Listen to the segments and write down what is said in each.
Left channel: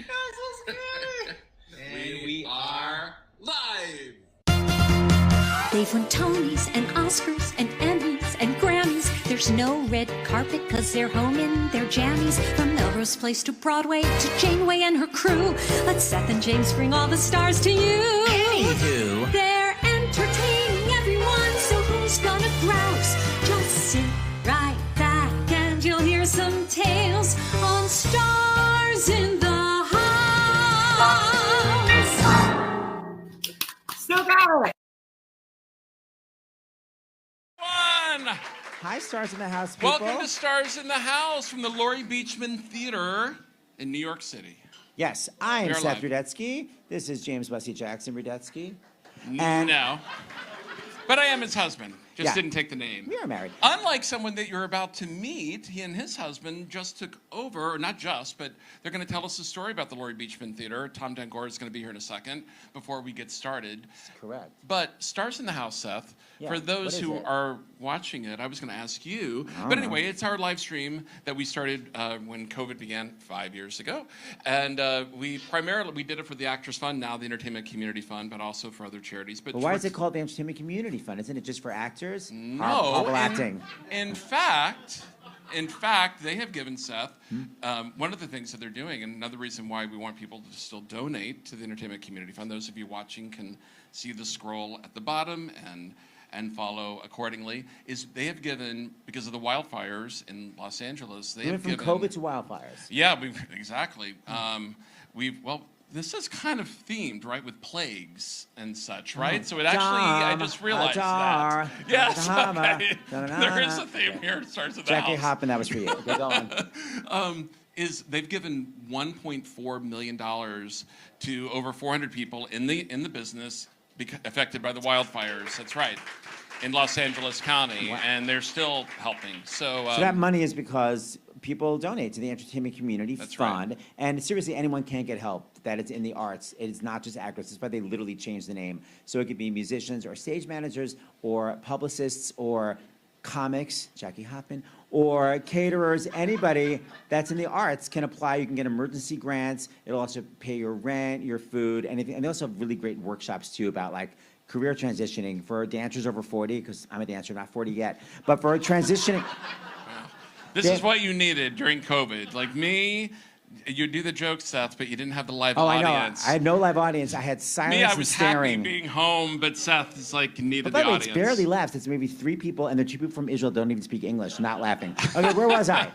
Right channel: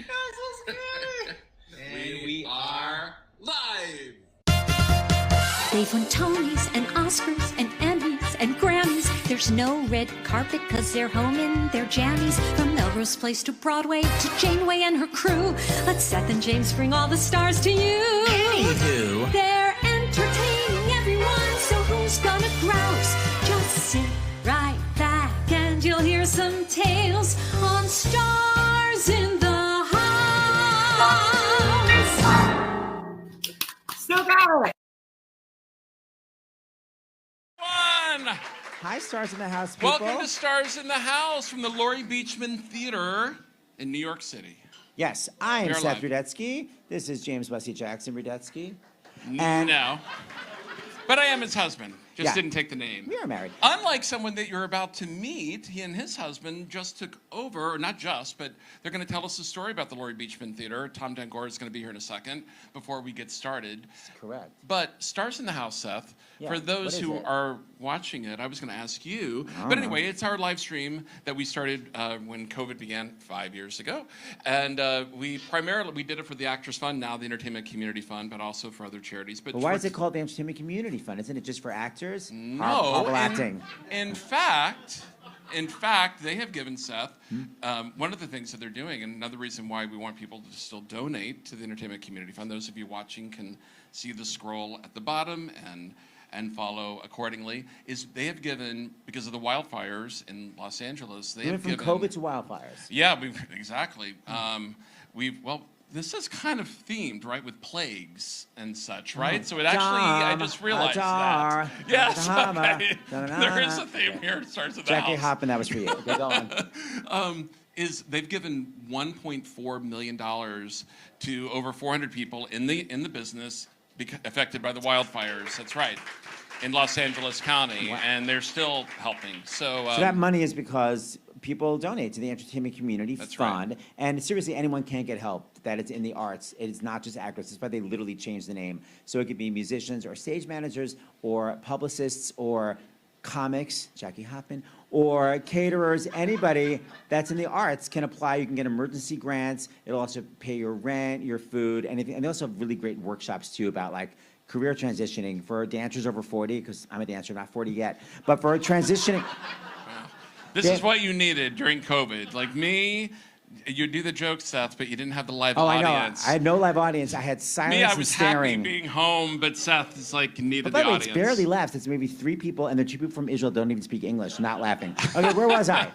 And we are live. They've won Tonys and Oscars and Emmys and Grammys. There's no red carpet because they're home in their jammies. From Melrose Place to Broadway to Janeway and her crew. Let Seth and James bring all the stars to you. Anywho, they're entertaining everyone, so who's gonna grouse? Just sit right back and you'll hear some tales on Stars in the House. Still got it. Hi, Stars in the House, people. Welcome to Stars in the House from the Laurie Beechman Theater in New York City. Yes, I am You're Seth alive. Rudetsky. This is James Wesley Jackson Rudetsky. No. But I am his husband. Just Yeah. didn't take the name. We are married. Unlike someone that you're about to meet, he and his husband just took over, or not just, but they're going to tell us a story about the Laurie Beechman Theater. Tom Dangor is going to be here in a second before we get started. That's correct. But Stars in the House, Seth, Yeah, for those what is who it? are watching it, I was going to ask you. But anyway, it's our live stream that we started when COVID began 5 years ago. And we did it for the Actors Fund, now the Entertainment Community Fund, but also for other charities. But Why is it called the Entertainment Community Fund? Isn't it just for actors? No. Horrible acting. In fact, they have given Seth one of the things that they're doing, and another reason why we want people to still donate to the Entertainment Community Fund. Those of you watching can see the scroll at the bottom and follow accordingly. Is they have given, because of the wildfires in Los Angeles, they have From given COVID to wildfires. Yeah, exactly. This is kind of themed, right, with plagues and such, right? So it actually, I just realized that. Yes, okay. There is a theme here. It starts at the Jackie house. Hoppin, that was for you. Get going. They've given $1.4 million to over 400 people in the business affected by the wildfires. That's right. In Los Angeles County, and they're still helping. So that money is because people donate to the Entertainment Community Fund. Right. And seriously, anyone can get help. That it's in the arts. It is not just actors. That's why they literally changed the name. So it could be musicians or stage managers or publicists or comics, Jackie Hoppin, or caterers. Anybody that's in the arts can apply. You can get emergency grants. It'll also pay your rent, your food, anything. And they also have really great workshops, too, about, like, career transitioning for dancers over 40, because I'm a dancer, not 40 yet. But for transitioning... This is what you needed during COVID. Like me, you do the joke, Seth, but you didn't have the live audience. I know. I had no live audience. I had silence and staring. I was happy being home, but Seth is like needed the audience. It's barely laughs. It's maybe 3 people, and the 2 people from Israel don't even speak English, not laughing. Okay, where was I?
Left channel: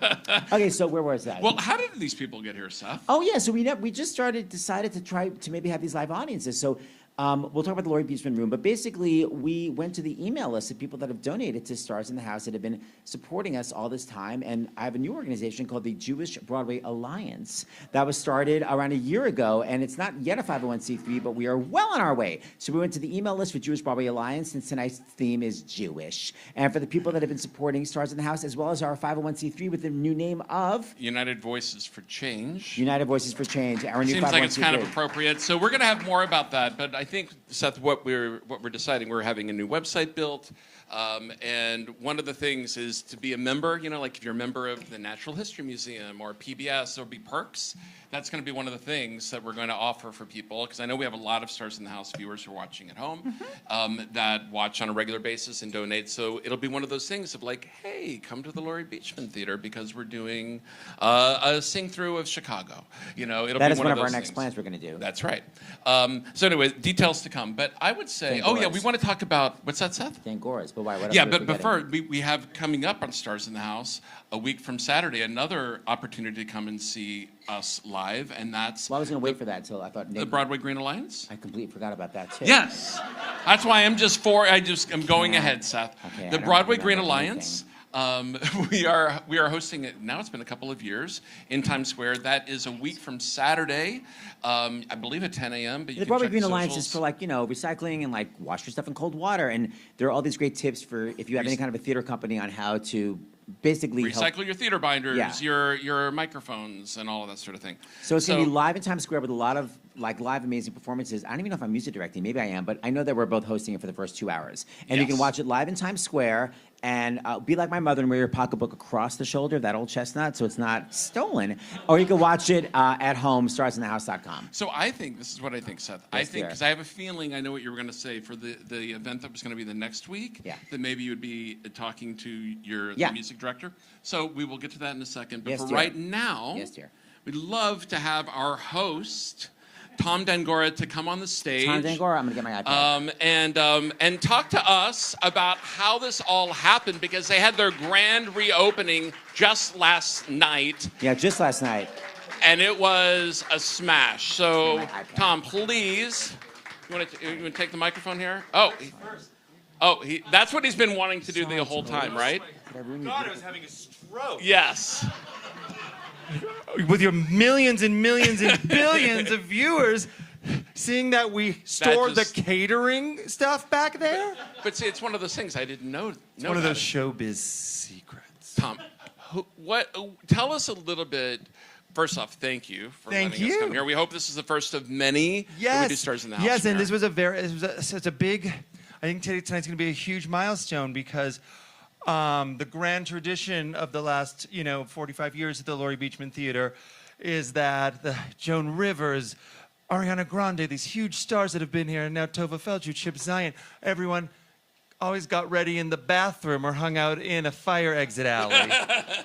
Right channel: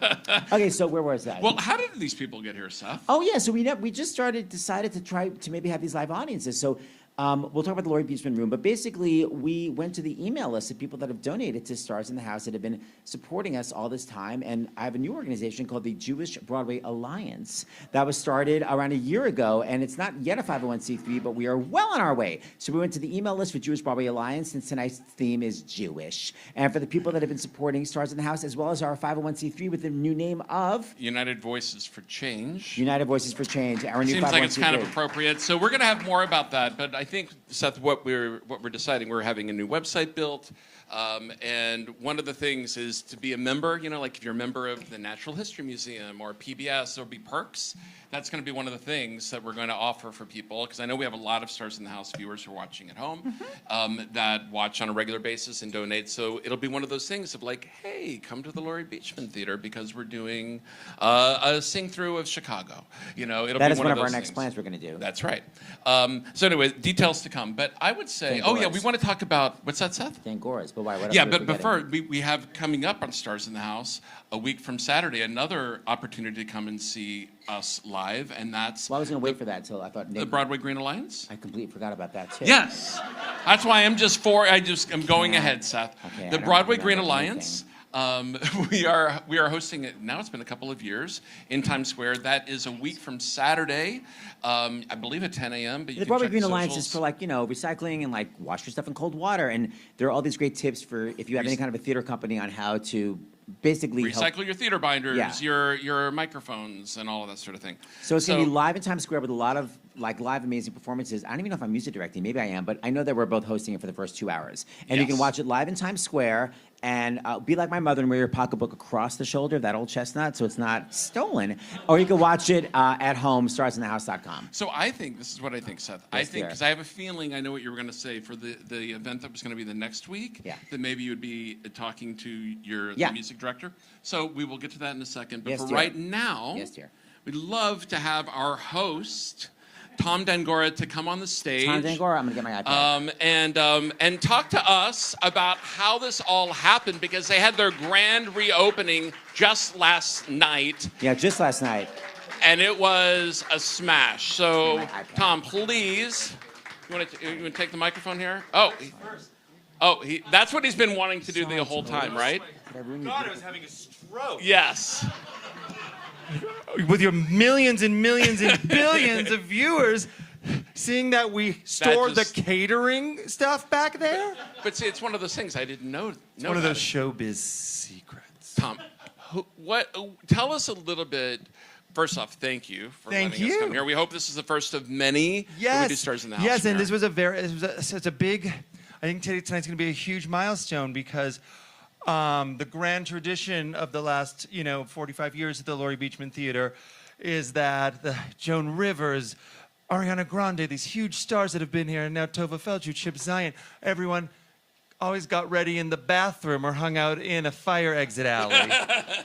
Okay, so where was I? Well, how did these people get here, Seth? Oh, yeah, so we just decided to try to maybe have these live audiences. So we'll talk about the Laurie Beechman Room, but basically we went to the email list of people that have donated to Stars in the House that have been supporting us all this time, and I have a new organization called the Jewish Broadway Alliance that was started around a year ago, and it's not yet a 501c3, but we are well on our way. So we went to the email list for Jewish Broadway Alliance, and tonight's theme is Jewish. And for the people that have been supporting Stars in the House, as well as our 501c3 with the new name of... United Voices for Change. United Voices for Change. Our new Seems like it's 501c3. kind of appropriate. So we're going to have more about that, but I think, Seth, what we're deciding, we're having a new website built, and one of the things is to be a member. You know, like if you're a member of the Natural History Museum or PBS, there'll be perks. That's going to be one of the things that we're going to offer for people, because I know we have a lot of Stars in the House viewers who are watching at home that watch on a regular basis and donate. So it'll be one of those things of like, hey, come to the Laurie Beechman Theater because we're doing a sing-through of Chicago. You know, it'll that be is one of our those next things. plans we're going to do. That's right. So anyway, details to come. But I would say, we want to talk about, what's that, Seth? Dangor's, but why? What Yeah, but before, we have coming up on Stars in the House, a week from Saturday, another opportunity to come and see us live, and that's... Well, I was going to wait for that until I thought... The Broadway Green Alliance? I completely forgot about that, too. Yes. That's why I'm going ahead, Seth. Okay, The Broadway Green Alliance... we are hosting it now. It's been a couple of years in Times Square. That is a week from Saturday, I believe at 10 a.m. But the Broadway Green Alliance is for recycling and wash your stuff in cold water. And there are all these great tips for if you have any kind of a theater company on how to basically recycle your theater binders, your microphones, and all of that sort of thing. So it's going to be live in Times Square with a lot of live amazing performances. I don't even know if I'm music directing. Maybe I am, but I know that we're both hosting it for the first 2 hours. And you can watch it live in Times Square and be like my mother and wear your pocketbook across the shoulder, that old chestnut, so it's not stolen. Or you can watch it at home, starsinthehouse.com. So I think, this is what I think, Seth. I think, because I have a feeling I know what you were going to say for the event that was going to be the next week, that maybe you would be talking to the music director. So we will get to that in a second. But for right now, we'd love to have our host, Tom Dangora, to come on the stage. Tom Dangora, I'm going to get my iPad. And talk to us about how this all happened, because they had their grand reopening just last night. Yeah, just last night. And it was a smash. So, Tom, please, you want to take the microphone here? That's what he's been wanting to do the whole time, right? God, I was having a stroke. Yes. With your millions and millions and billions of viewers, seeing that we stored the catering stuff back there. But see, it's one of those things I didn't know. It's one of those showbiz secrets. Tom, tell us a little bit. First off, thank you for letting us come here. We hope this is the first of many when we do Stars in the House. Yes, and this was such a big. I think tonight's going to be a huge milestone because the grand tradition of the last 45 years at the Laurie Beechman Theater is that the Joan Rivers, Ariana Grande, these huge stars that have been here, and now Tovah, Feldshuh, Zien, everyone always got ready in the bathroom or hung out in a fire exit alley.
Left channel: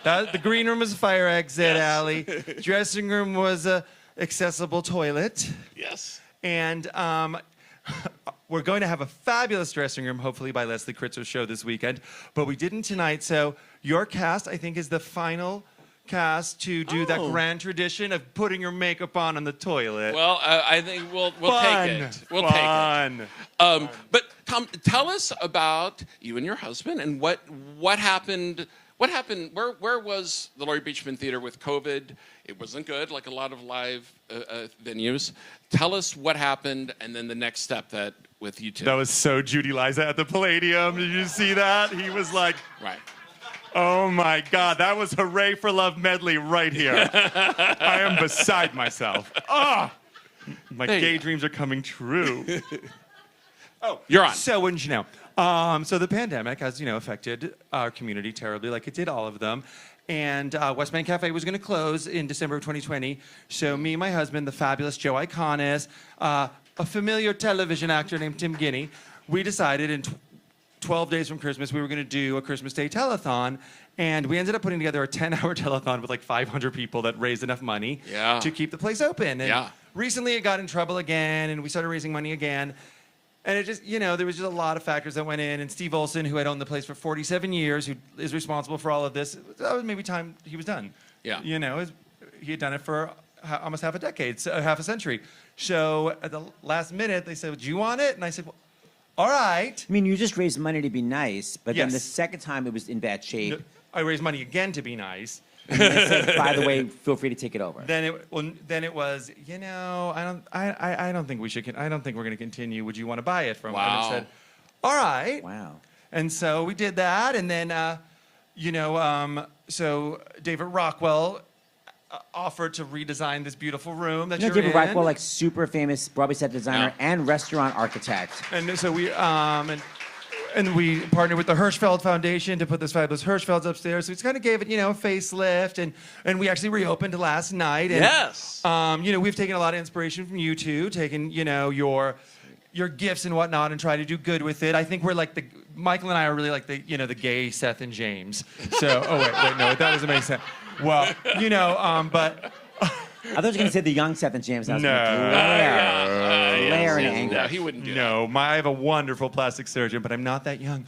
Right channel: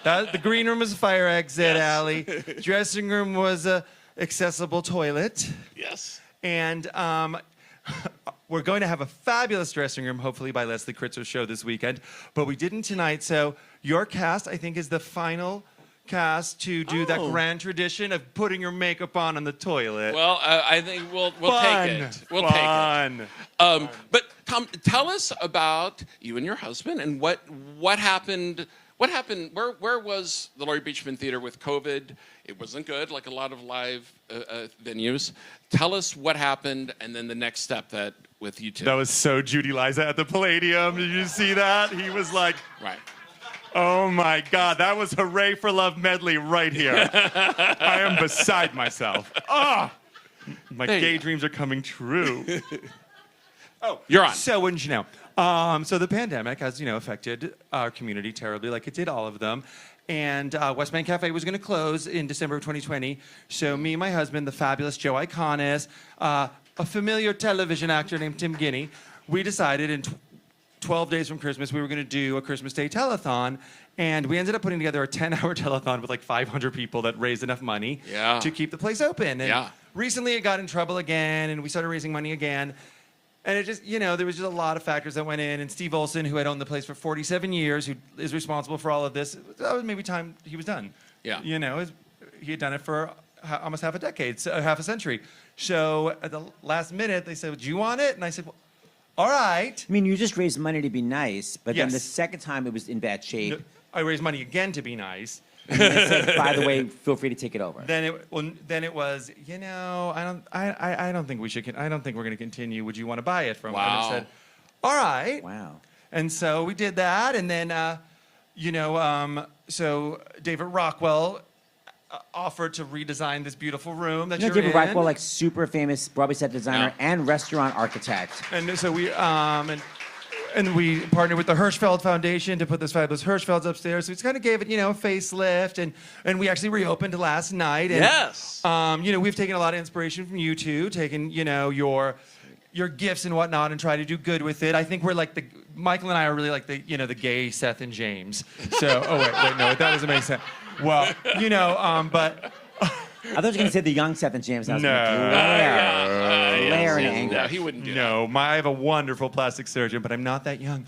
The green room was a fire exit alley. Dressing room was a accessible toilet. Yes. And we're going to have a fabulous dressing room, hopefully by Leslie Kritzer's show this weekend. But we didn't tonight, so your cast, I think, is the final cast to do that grand tradition of putting your makeup on the toilet. Well, I think we'll take it. We'll take it. But Tom, tell us about you and your husband and what happened. What happened? Where was the Laurie Beechman Theater with COVID? It wasn't good, like a lot of live venues. Tell us what happened, and then the next step with you two. That was so Judy Liza at the Palladium. Did you see that? He was like, right. Oh my God, that was Hooray for Love medley right here. I am beside myself. My gay dreams are coming true. You're on. So wouldn't you know? So the pandemic has, affected our community terribly, like it did all of them. And West Bank Cafe was going to close in December of 2020. So me and my husband, the fabulous Joe Iconis, a familiar television actor named Tim Guinea, we decided in 12 days from Christmas, we were going to do a Christmas Day telethon, and we ended up putting together a 10-hour telethon with like 500 people that raised enough money to keep the place open. And recently it got in trouble again, and we started raising money again. And it just, there was just a lot of factors that went in. And Steve Olson, who had owned the place for 47 years, who is responsible for all of this, that was maybe time he was done. Yeah. He had done it for almost half a decade, so half a century. So at the last minute, they said, do you want it? And I said, well, all right. I mean, you just raised money to be nice, but then the second time it was in bad shape. I raised money again to be nice. And then they said, by the way, feel free to take it over. Then it was, I don't think we should. I don't think we're going to continue. Would you want to buy it from? Wow. And I said, all right. Wow. And so we did that, and then so David Rockwell offered to redesign this beautiful room that you're David in. Rockwell, like super famous Broadway set designer and restaurant architect. And so we and we partnered with the Hirschfeld Foundation to put this fabulous Hirschfelds upstairs. So it's kind of gave it, a facelift, and we actually reopened last night. And, yes. We've taken a lot of inspiration from you two, taken your gifts and whatnot, and try to do good with it. I think we're like Michael and I are really like the gay Seth and James. So wait, no, that doesn't make sense. Well, but. I thought you were going to say the young Seth and James. No, he wouldn't do that. I have a wonderful plastic surgeon, but I'm not that young.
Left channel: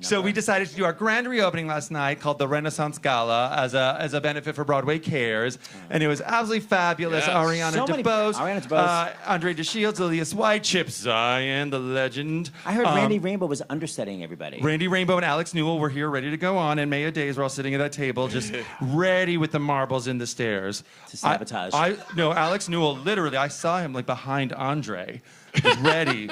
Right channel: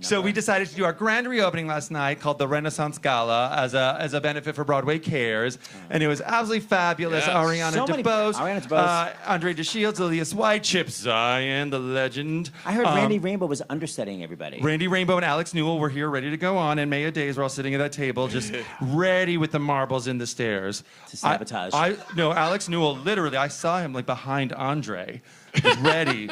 So we decided to do our grand reopening last night called the Renaissance Gala as a benefit for Broadway Cares, and it was absolutely fabulous. Yes. Ariana DeBose, Andre DeShields, Elias White, Chip Zien, the legend. I heard Randy Rainbow was understudying everybody. Randy Rainbow and Alex Newell were here ready to go on, and Maya Days were all sitting at that table just ready with the marbles in the stairs. To sabotage. No, Alex Newell, literally, I saw him like behind Andre, ready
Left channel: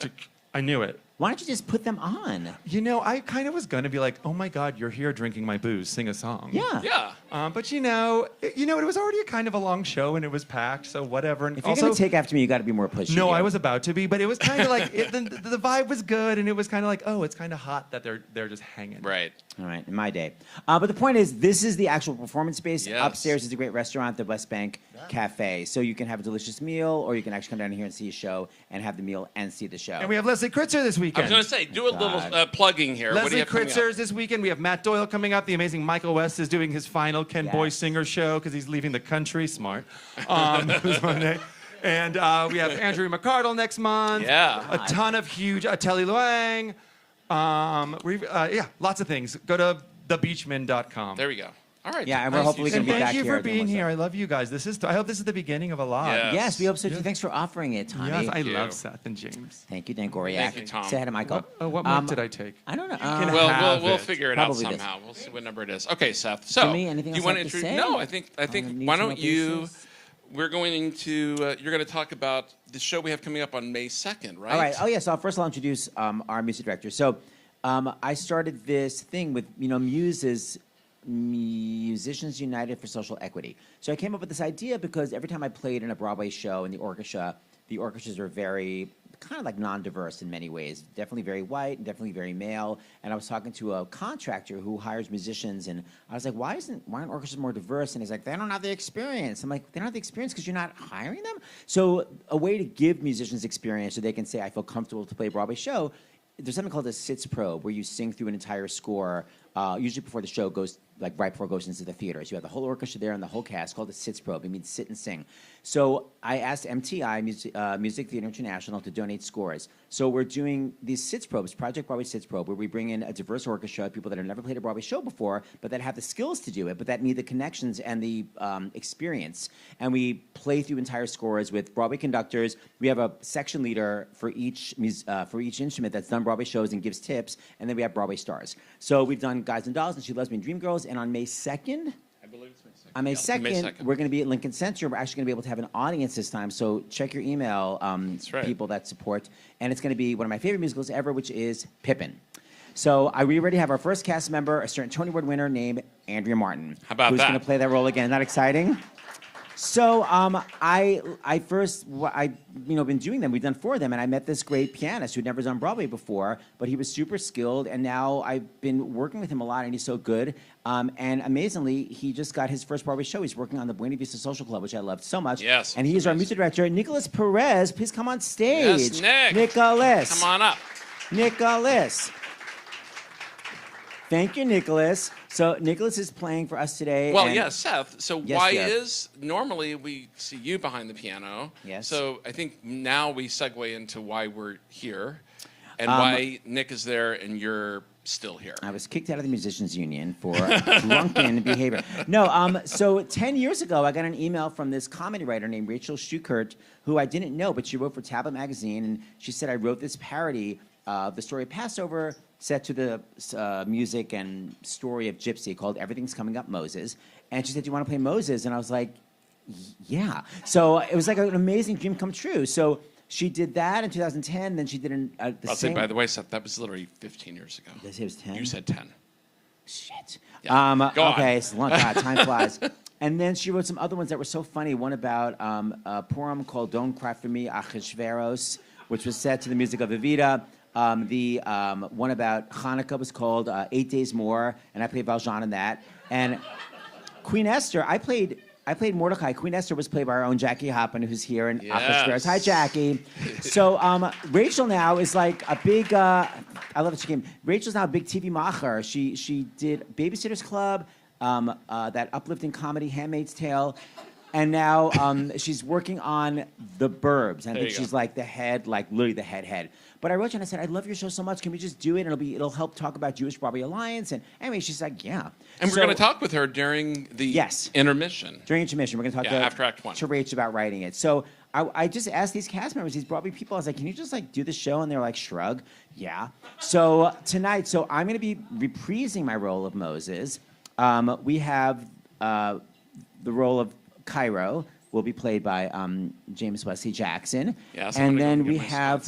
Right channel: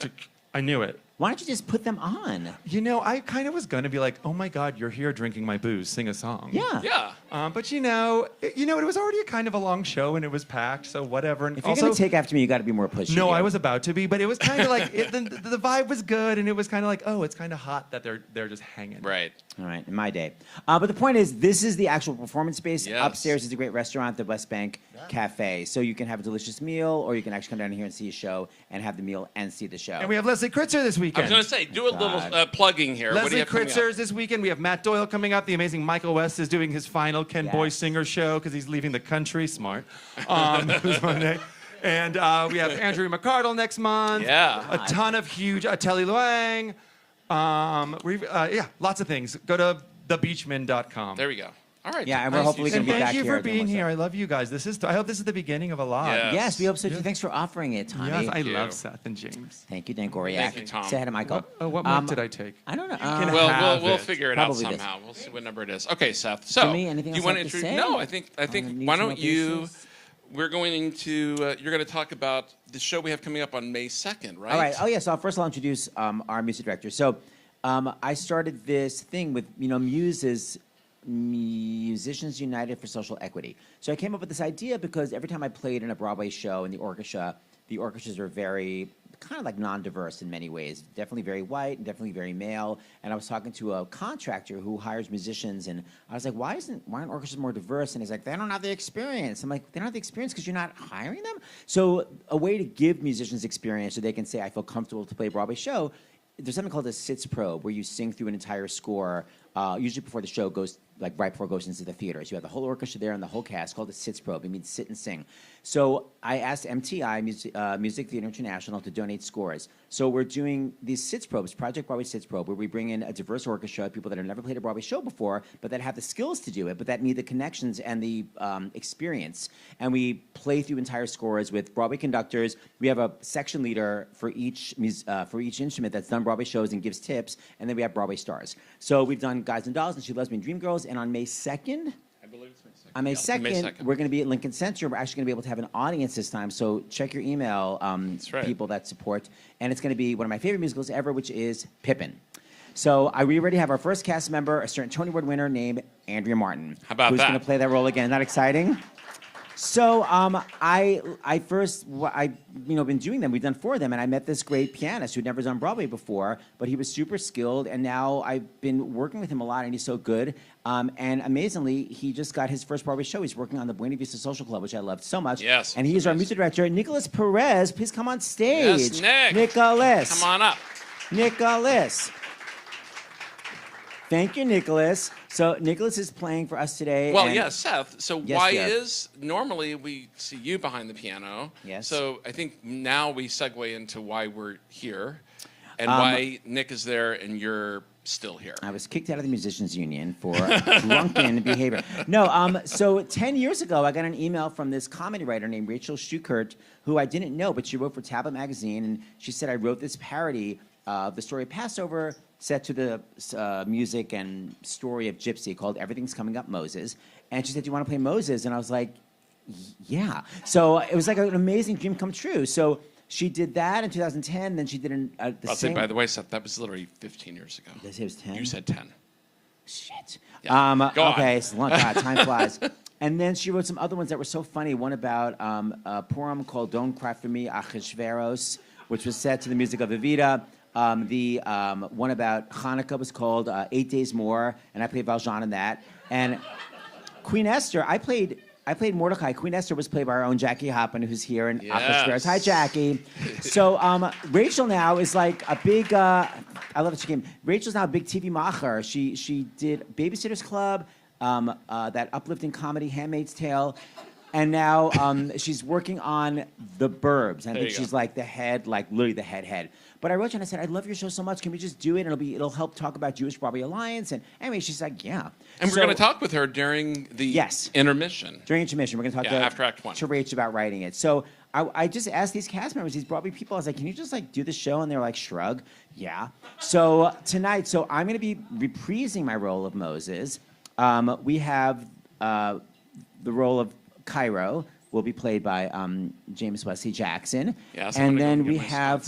to... I knew it. Why don't you just put them on? You know, I kind of was going to be like, oh my God, you're here drinking my booze, sing a song. Yeah. But you know, it was already kind of a long show and it was packed, so whatever. And If you're going to take after me, you got to be more pushy. No, I was about to be, but it was kind of like, the vibe was good and it was kind of like, oh, it's kind of hot that they're just hanging. Right. All right, in my day. But the point is, this is the actual performance space. Yes. Upstairs is a great restaurant, the West Bank Cafe. So you can have a delicious meal, or you can actually come down here and see a show and have the meal and see the show. And we have Leslie Kritzer this I weekend. was going to say, do a little plugging here. What do Leslie you have coming Kritzer's up? this weekend. We have Matt Doyle coming up. The amazing Michael West is doing his final Ken Boy Singer show because he's leaving the country. Smart. This Monday. And we have Andrew McCardle next month. Yeah. A ton of huge Telly Luang. Lots of things. Go to thebeechman.com. There we go. All right. Yeah, and we're hopefully going to be back Thank you here. for being here. I love you guys. I hope this is the beginning of a lot. Yeah. Yes, we hope so. Thanks for offering it, Tommy. Yes, I you. love Seth and James. Thank you, Dan Goriak. Thank you, Tom. Say hi to Michael. What mark did I take? I don't know. can Well, have we'll it. figure it out Probably this. somehow. We'll see what number it is. Okay, Seth. So, Jimmy, anything you else want you have to introduce? say? No, I think. need Why to don't know you? basis? We're going to. You're going to talk about the show we have coming up on May 2nd, right? All right. Oh, yeah. So first I'll introduce our music director. So I started this thing with, Muse is Musicians United for Social Equity. So I came up with this idea because every time I played in a Broadway show in the orchestras are very kind of like non-diverse in many ways. Definitely very white and definitely very male. And I was talking to a contractor who hires musicians, and I was like, why aren't orchestras more diverse? And he's like, they don't have the experience. I'm like, they don't have the experience because you're not hiring them? So a way to give musicians experience so they can say, I feel comfortable to play a Broadway show, there's something called a sitz probe where you sing through an entire score, usually before the show goes, like right before it goes into the theater. So you have the whole orchestra there and the whole cast, called a sitz probe. It means sit and sing. So I asked MTI, Music Theater International, to donate scores. So we're doing these sitz probes, Project Broadway Sitz Probe, where we bring in a diverse orchestra, people that have never played a Broadway show before, but that have the skills to do it, but that need the connections and the experience. And we play through entire scores with Broadway conductors. We have a section leader for each instrument that's done Broadway shows and gives tips, and then we have Broadway stars. So we've done Guys and Dolls and She Loves Me and Dreamgirls, and on May 2nd, on May 2nd, we're going to be at Lincoln Center. We're actually going to be able to have an audience this time, so check your email, people that support. And it's going to be one of my favorite musicals ever, which is Pippin. So we already have our first cast member, a certain Tony Award winner named Andrea Martin. How about who's that? Going to play that role again. Not exciting? So I've been doing them. We've done 4 of them, and I met this great pianist who'd never done Broadway before, but he was super skilled, and now I've been working with him a lot, and he's so good. And amazingly, he just got his first Broadway show. He's working on the Buena Vista Social Club, which I love so much. Yes. And he's our music director, Nicholas Perez. Please come on stage. Yes, Nick. Nicholas. Come on up. Nicholas. Thank you, Nicholas. So Nicholas is playing for us today. Well, and yes, Seth. So Yes, why dear. is normally we see you behind the piano? Yes. So I think now we segue into why we're here, and why Nick is there and you're still here. I was kicked out of the musicians union for drunken behavior. No, so 10 years ago, I got an email from this comedy writer named Rachel Shukert, who I didn't know, but she wrote for Tablet magazine, and she said, I wrote this parody of the story of Passover set to the music and story of GYPSY called Everything's Coming Up Moses. And she said, do you want to play Moses? And I was like, yeah. So it was like an amazing dream come true. So she did that in 2010. Then she did I'll say, by the way, Seth, that was literally 15 years ago. Did I say it was 10? You said 10. Shit. Yeah. Go okay, on. it's long. God, time flies. And then she wrote some other ones that were so funny. One about a poem called Don't Cry For Me, Achashveros, which was set to the music of Evita. The one about Hanukkah was called 8 Days More, and I played Valjean in that. And Queen Esther, I played Mordecai. Queen Esther was played by our own Jackie Hoppin, who's here in Achashveros. Hi, Jackie. So Rachel now is like a big. I love that she came. Rachel's now a big TV macher. She did Babysitter's Club, that uplifting comedy Handmaid's Tale. And now she's working on The Burbs. I think she's like the head, like literally the head. But I wrote her and I said, I love your show so much. Can we just do it? And it'll help talk about Jewish Broadway Alliance. And anyway, she's like, yeah. And we're going to talk with her during the intermission. During intermission, we're going to talk after Act 1. to Rach about writing it. So I just asked these cast members, these Broadway people, I was like, can you just like do the show? And they're like, shrug. Yeah. So tonight, I'm going to be reprising my role of Moses. We have the role of Cairo will be played by James Wesley Jackson. Yes, and then we have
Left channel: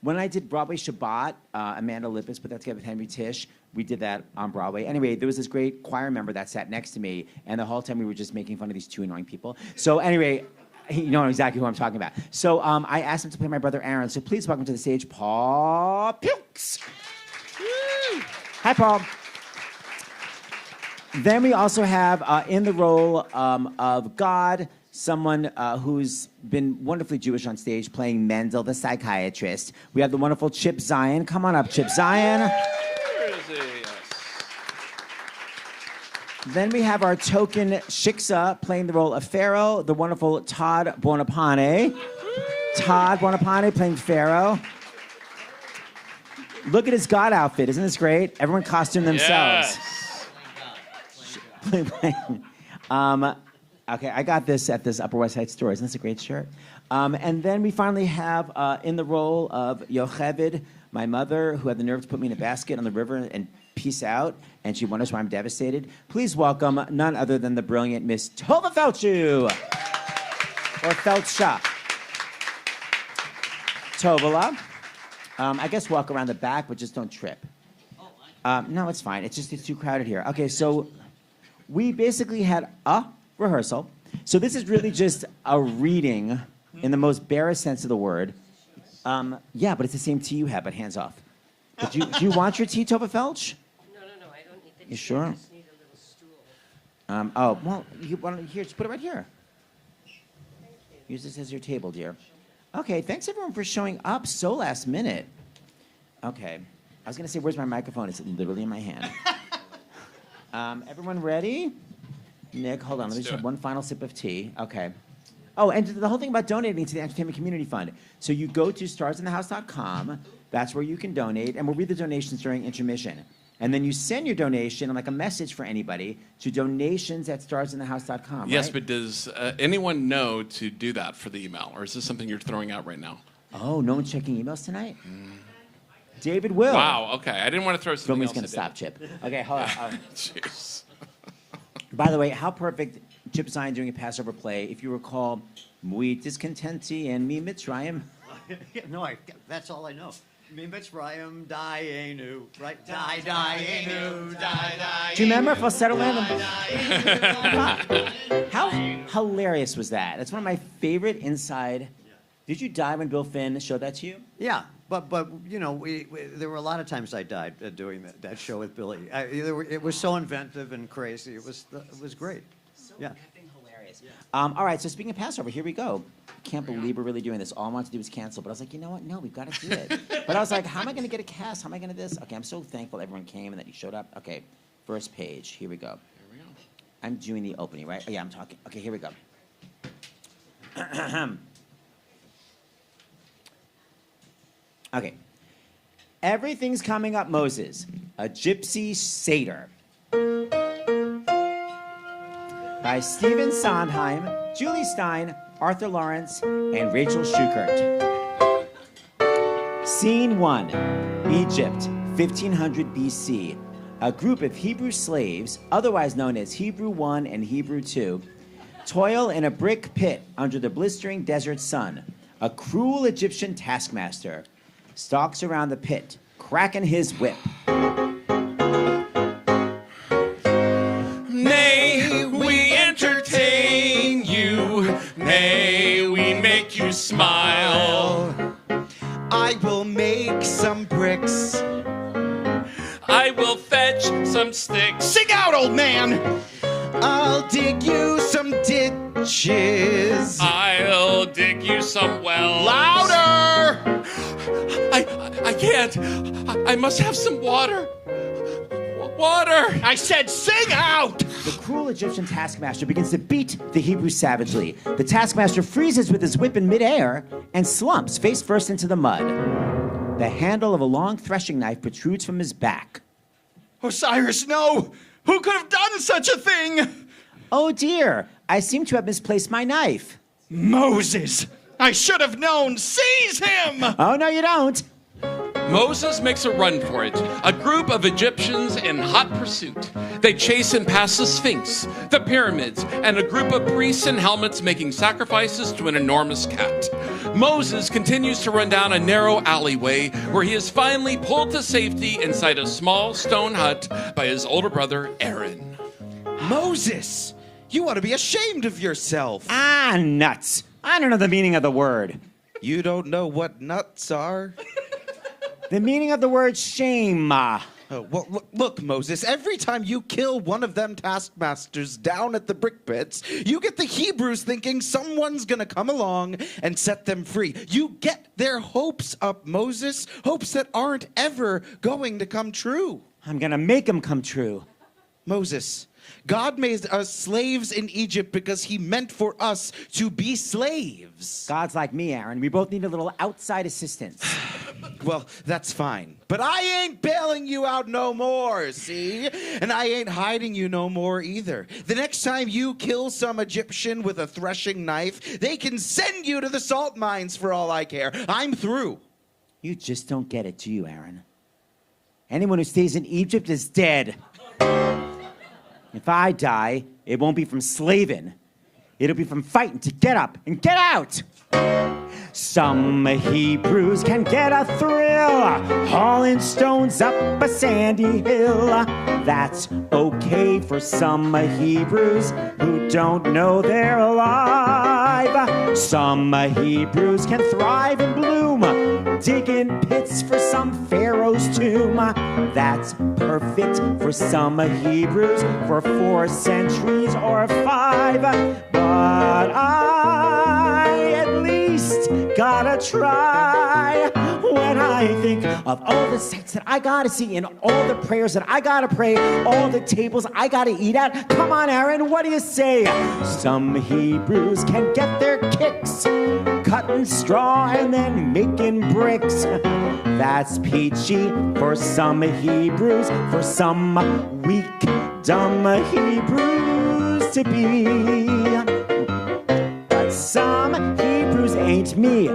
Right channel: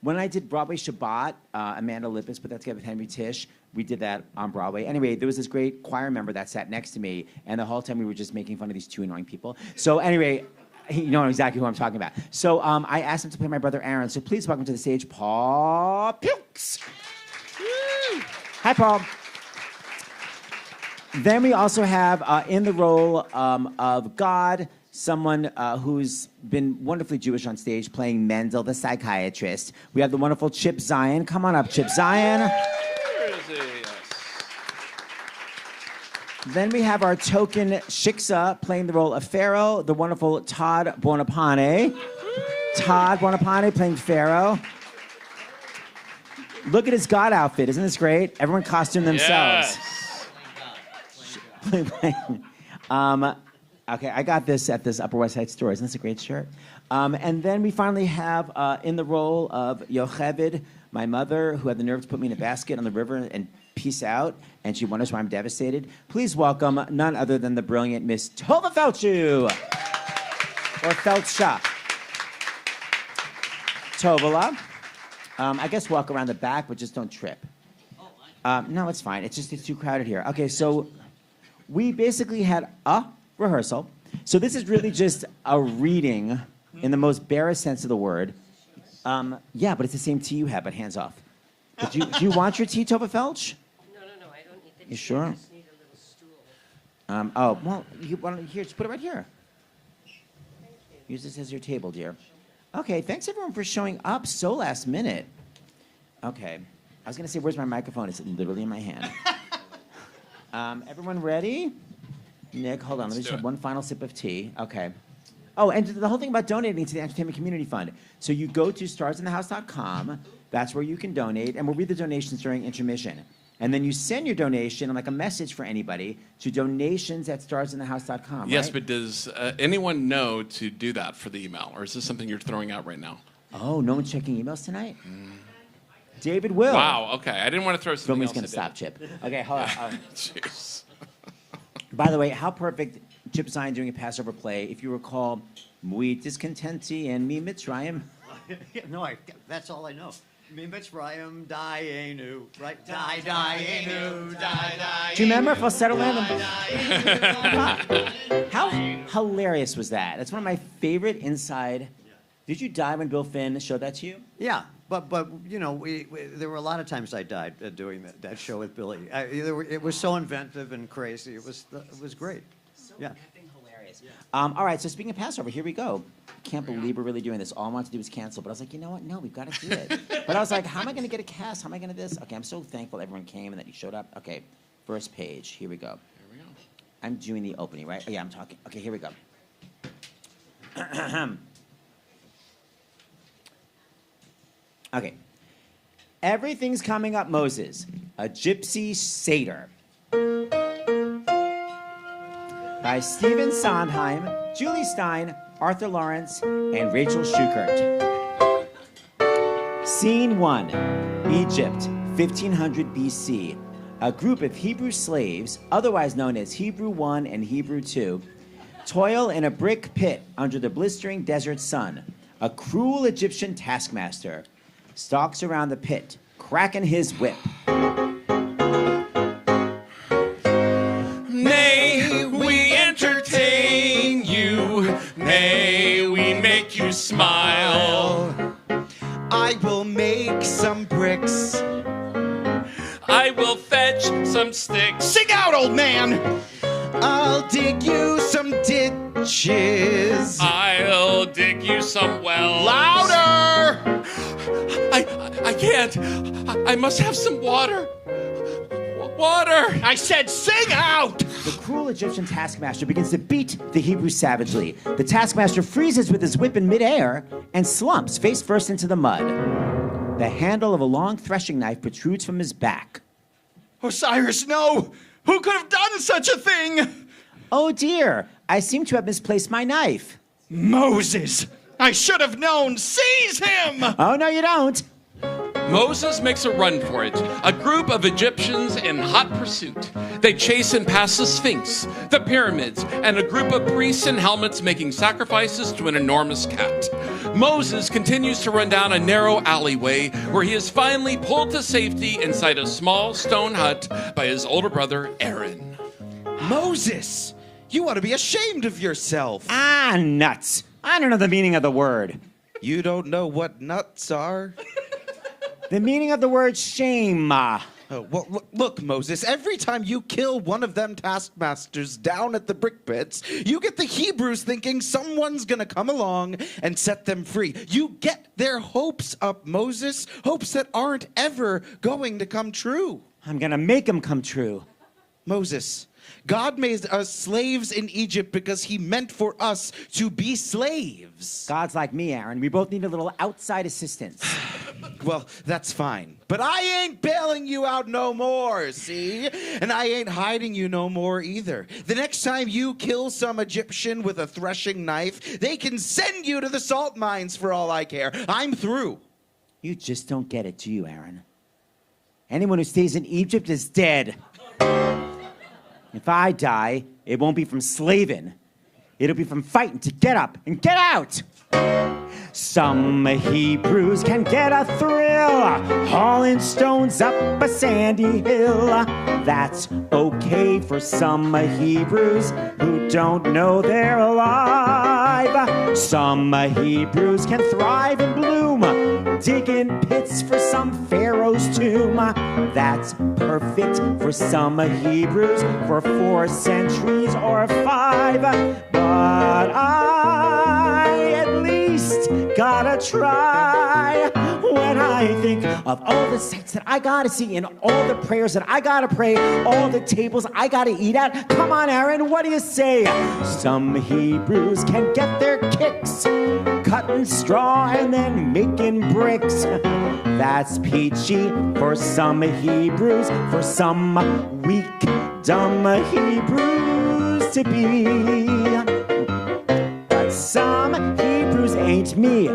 When I did Broadway Shabbat, Amanda Lippis put that together with Henry Tisch. We did that on Broadway. Anyway, there was this great choir member that sat next to me, and the whole time we were just making fun of these two annoying people. So anyway, you know exactly who I'm talking about. So I asked him to play my brother Aaron. So please welcome to the stage, Paul Pilcz. Hi, Paul. Then we also have in the role of God, someone who's been wonderfully Jewish on stage, playing Mendel, the psychiatrist. We have the wonderful Chip Zien. Come on up, Chip Zien. Where is he? Yes. Then we have our token Shiksa playing the role of Pharoah, the wonderful Todd Buonopane. Todd Buonopane playing Pharoah. Look at his God outfit. Isn't this great? Everyone costumed themselves. Yes. Okay, I got this at this Upper West Side store. Isn't this a great shirt? And then we finally have in the role of Jochebed, my mother, who had the nerve to put me in a basket on the river and peace out, and she wonders why I'm devastated. Please welcome none other than the brilliant Miss Tovah Feldshuh, or Feldshuh. Tovah. I guess walk around the back, but just don't trip. No, it's fine. It's too crowded here. Okay, so we basically had a rehearsal. So this is really just a reading in the most barest sense of the word. Yeah, but it's the same tea you have, but hands off. But do you want your tea, Tovah Felch? No, I don't need the tea. You sure? I just need a little stool. Oh, well, you want to, here, just put it right here. Use this as your table, dear. Okay, thanks everyone for showing up so last minute. Okay, I was going to say, where's my microphone? It's literally in my hand. Everyone ready? Nick, hold on. Let me just have one final sip of tea. Okay. Oh, and the whole thing about donating to the Entertainment Community Fund. So you go to starsinthehouse.com. That's where you can donate, and we'll read the donations during intermission. And then you send your donation, like a message for anybody, to donations@starsinthehouse.com. Yes, right? but does anyone know to do that for the email, or is this something you're throwing out right now? Oh, no one's checking emails tonight? David will. Wow, okay. I didn't want to throw something else Going to at stop, Chip. Okay, hold on. Jeez. By the way, how perfect Chip Zien doing a Passover play. If you recall, Muit discontenti and me Mitzrayim. No, that's all I know. Me Mitzrayim, Dayenu, right? Dayenu, die. Do you remember Falsetto Land? How hilarious was that? That's one of my favorite inside. Did you die when Bill Finn showed that to you? Yeah, but you know, there were a lot of times I died doing that show with Billy. It was so inventive and crazy. It was great. So effing hilarious. All right, so speaking of Passover, here we go. I can't believe we're really doing this. All I wanted to do was cancel, but I was like, you know what? No, we've got to do it. But I was like, how am I going to get a cast? How am I going to this? Okay, I'm so thankful everyone came and that you showed up. Okay, first page. Here we go. I'm doing the opening, right? Oh, yeah, I'm talking. Okay, here we go. Okay. Everything's Coming Up, Moses, a Gypsy Seder. By Stephen Sondheim, Jule Styne, Arthus Laurents, and Rachel Shukert. Scene 1, Egypt, 1500 BC. A group of Hebrew slaves, otherwise known as Hebrew 1 and Hebrew 2, toil in a brick pit under the blistering desert sun. A cruel Egyptian taskmaster stalks around the pit, cracking his whip. May we entertain you, may we make you smile. I will make some bricks. I will fetch some sticks. Sing out, old man! I'll dig you some ditches. I'll dig you some wells. Louder! I can't. I must have some water. Water! I said sing out! The cruel Egyptian taskmaster begins to beat the Hebrew savagely. The taskmaster freezes with his whip in midair and slumps face first into the mud. The handle of a long threshing knife protrudes from his back. Osiris, no! Who could have done such a thing? Oh dear, I seem to have misplaced my knife. Moses! I should have known! Seize him! Oh no, you don't. Moses makes a run for it. A group of Egyptians in hot pursuit. They chase and pass the Sphinx, the pyramids, and a group of priests in helmets making sacrifices to an enormous cat. Moses continues to run down a narrow alleyway where he is finally pulled to safety inside a small stone hut by his older brother, Aaron. Moses, you ought to be ashamed of yourself. Ah, nuts. I don't know the meaning of the word. You don't know what nuts are? The meaning of the word shame. Oh, well, look, Moses, every time you kill one of them taskmasters down at the brick pits, you get the Hebrews thinking someone's going to come along and set them free. You get their hopes up, Moses, hopes that aren't ever going to come true. I'm going to make them come true. Moses, God made us slaves in Egypt because he meant for us to be slaves. God's like me, Aaron. We both need a little outside assistance. Well, that's fine. But I ain't bailing you out no more, see? And I ain't hiding you no more either. The next time you kill some Egyptian with a threshing knife, they can send you to the salt mines for all I care. I'm through. You just don't get it, do you, Aaron? Anyone who stays in Egypt is dead. If I die, it won't be from slaving. It'll be from fighting to get up and get out. Some Hebrews can get a thrill hauling stones up a sandy hill. That's okay for some Hebrews who don't know they're alive. Some Hebrews can thrive and bloom, digging pits for some pharaoh's tomb. That's perfect for some Hebrews for 4 centuries or 5. But I at least gotta try. When I think of all the sights that I gotta see and all the prayers that I gotta pray, all the tables I gotta eat at, come on, Aaron, what do you say? Some Hebrews can get their kicks cutting straw and then making bricks. That's peachy for some Hebrews, for some weak, dumb Hebrews to be. But some Hebrews ain't me.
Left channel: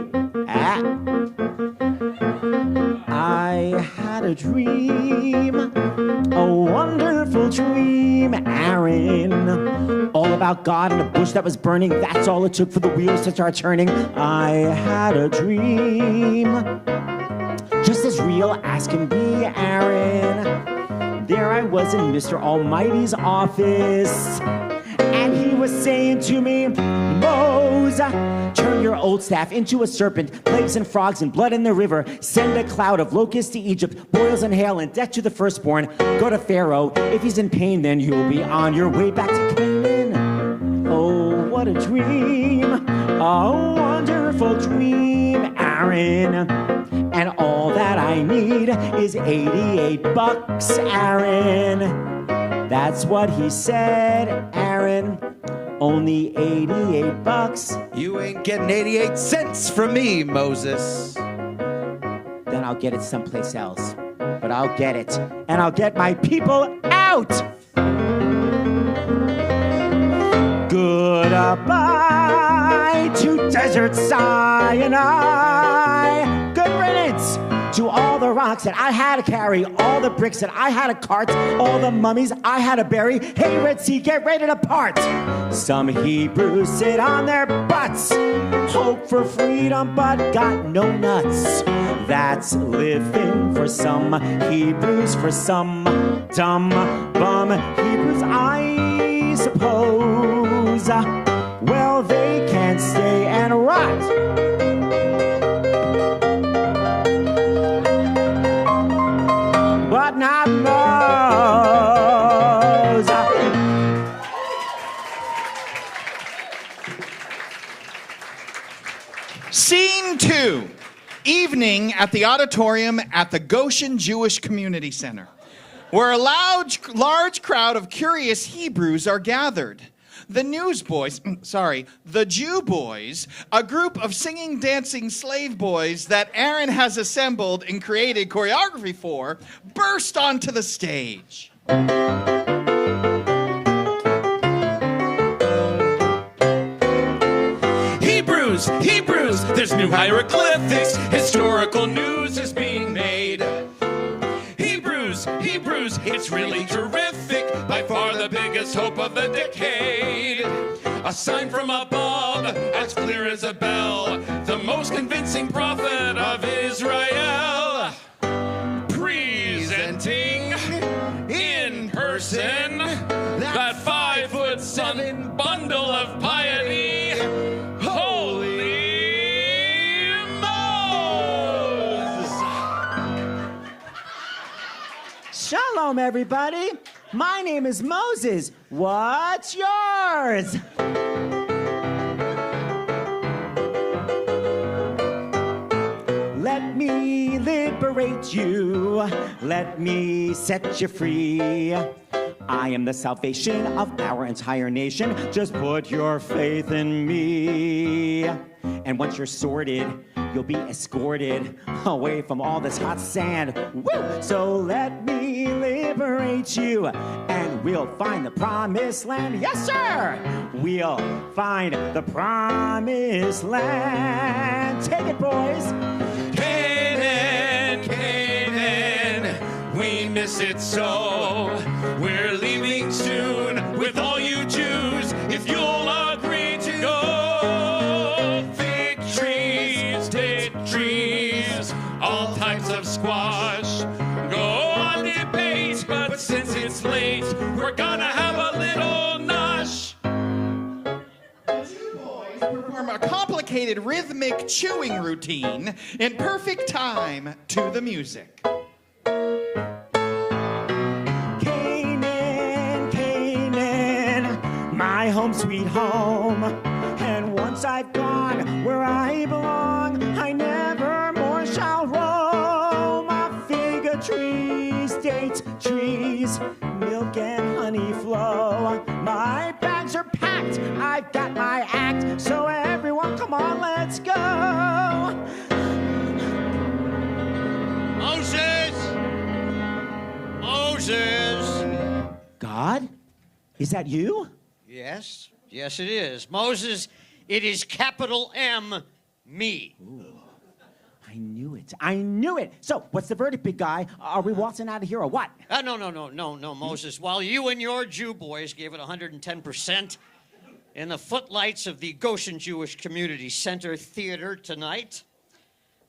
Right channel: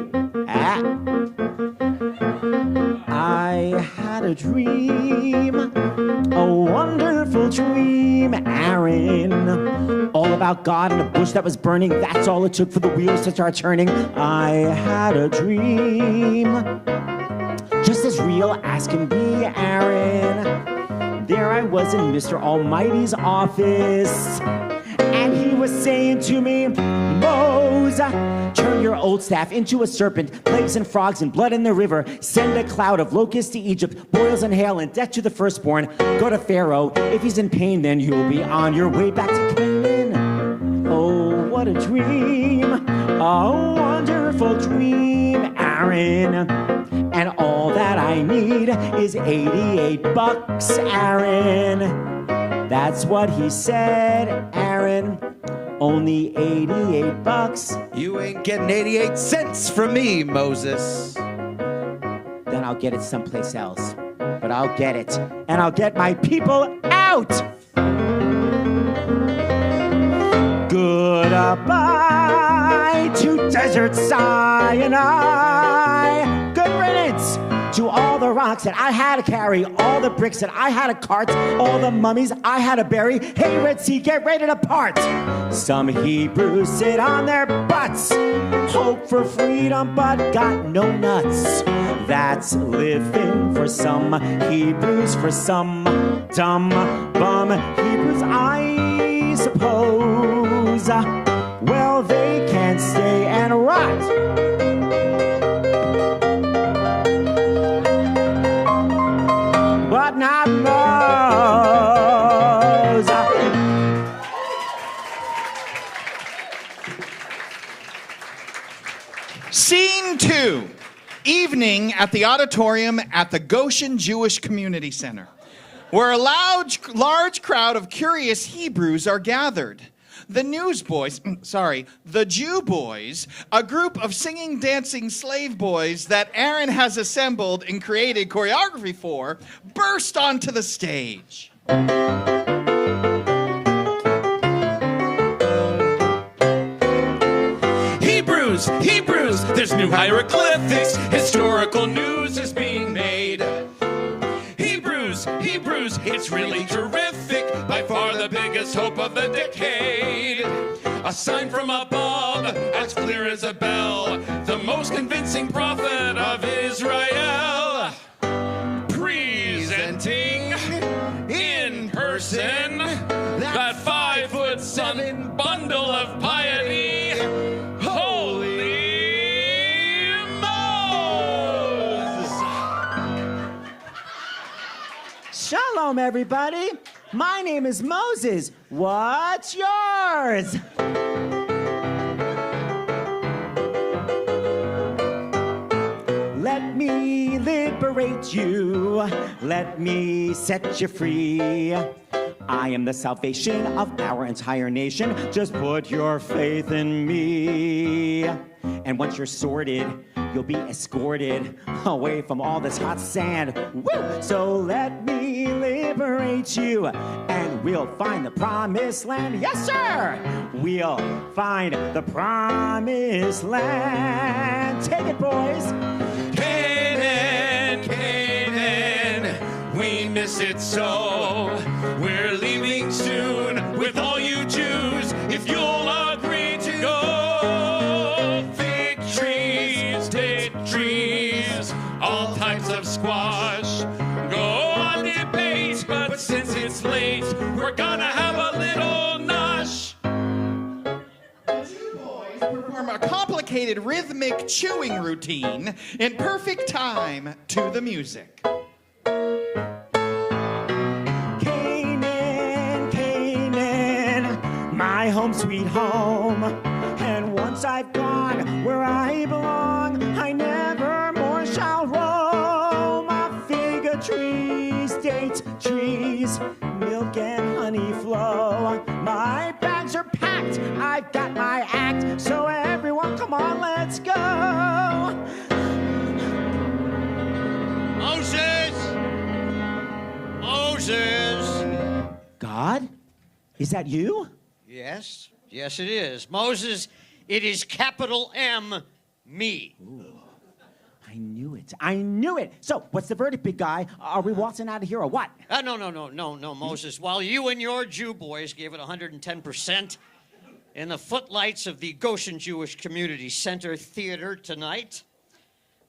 I had a dream, a wonderful dream, Aaron. All about God and a bush that was burning. That's all it took for the wheels to start turning. I had a dream, just as real as can be, Aaron. There I was in Mr. Almighty's office, and he was saying to me, Moses, turn your old staff into a serpent, plagues and frogs and blood in the river. Send a cloud of locusts to Egypt, boils and hail and death to the firstborn. Go to Pharaoh. If he's in pain, then you'll be on your way back to Canaan. Oh, what a dream. A wonderful dream, Aaron. And all that I need is $88, Aaron. That's what he said, Aaron. Only $88. You ain't getting 88 cents from me, Moses. Then I'll get it someplace else. But I'll get it. And I'll get my people out. Goodbye to Desert Sinai. Good riddance to all the rocks that I had to carry, all the bricks that I had to cart, all the mummies I had to bury. Hey, Red Sea, get ready to part. Some Hebrews sit on their butts, hope for freedom but got no nuts. That's living for some Hebrews, for some dumb bum Hebrews, I suppose. Well, they can stay and rot. But not those. Scene 2. Evening at the auditorium at the Goshen Jewish Community Center, where a large crowd of curious Hebrews are gathered. The Jew boys, a group of singing, dancing slave boys that Aaron has assembled and created choreography for, burst onto the stage. Hebrews! Hebrews, Hebrews, there's new hieroglyphics. Historical news is being made. Hebrews, Hebrews, it's really terrific. By far the biggest hope of the decade. A sign from above, as clear as a bell. The most convincing prophet of Israel. Presenting in person that 5'7" bundle of piety. Holy Moses! Shalom, everybody. My name is Moses. What's yours? Let me liberate you. Let me set you free. I am the salvation of our entire nation. Just put your faith in me. And once you're sorted, you'll be escorted away from all this hot sand. Woo! So let me liberate you, and we'll find the promised land. Yes, sir! We'll find the promised land. Take it, boys. Canaan, Canaan, we miss it so. We're leaving soon with all you Jews, if you'll agree to go. Fig trees, date trees, all types of squash. Go on debate, but since it's late, we're gonna have a little nosh. Perform a complicated rhythmic chewing routine in perfect time to the music. Canaan, Canaan, my home sweet home. And once I've gone where I belong, I never more shall roam. Fig trees, date trees, milk and honey flow. My bags are packed, I've got my act, so everyone come on, let's go. Moses! Moses! God? Is that you? Yes, yes it is. Moses, it is capital M, me. Ooh. I knew it. I knew it. So, what's the verdict, big guy? Are we waltzing out of here or what? No, Moses. While you and your Jew boys gave it 110% in the footlights of the Goshen Jewish Community Center Theater tonight,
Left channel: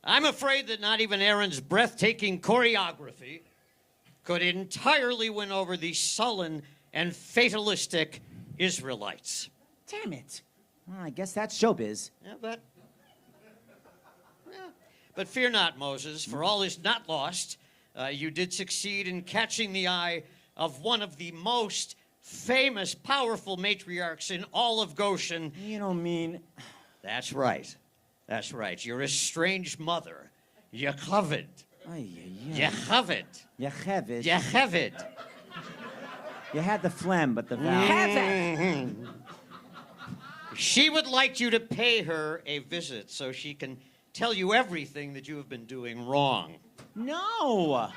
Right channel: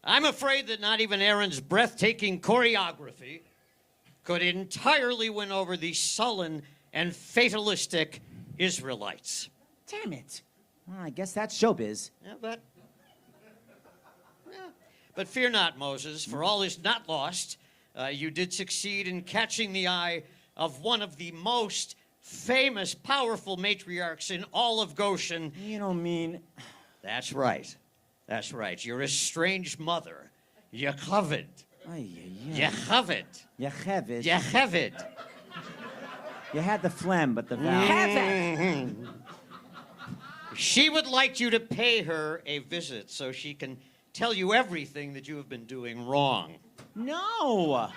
I'm afraid that not even Aaron's breathtaking choreography could entirely win over the sullen and fatalistic Israelites. Damn it. Well, I guess that's showbiz. Yeah, but fear not, Moses, for all is not lost. You did succeed in catching the eye of one of the most famous, powerful matriarchs in all of Goshen. You don't mean... That's right. That's right. Your estranged mother, Jochebed. Jochebed. Jochebed. Jochebed. You had the phlegm, but the vowel... She would like you to pay her a visit so she can tell you everything that you have been doing wrong. No!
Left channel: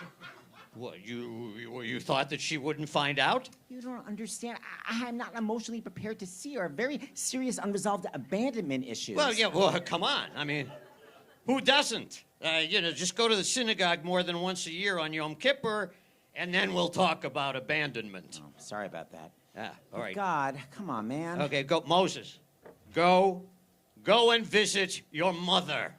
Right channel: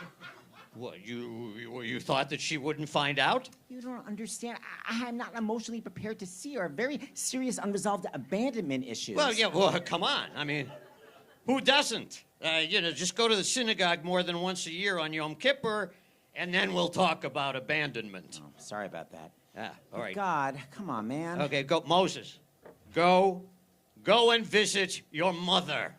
What, you thought that she wouldn't find out? You don't understand. I am not emotionally prepared to see her. Very serious unresolved abandonment issues. Well, come on. I mean, who doesn't? Just go to the synagogue more than once a year on Yom Kippur, and then we'll talk about abandonment. Oh, sorry about that. All right. God, come on, man. Okay, go, Moses. Go and visit your mother.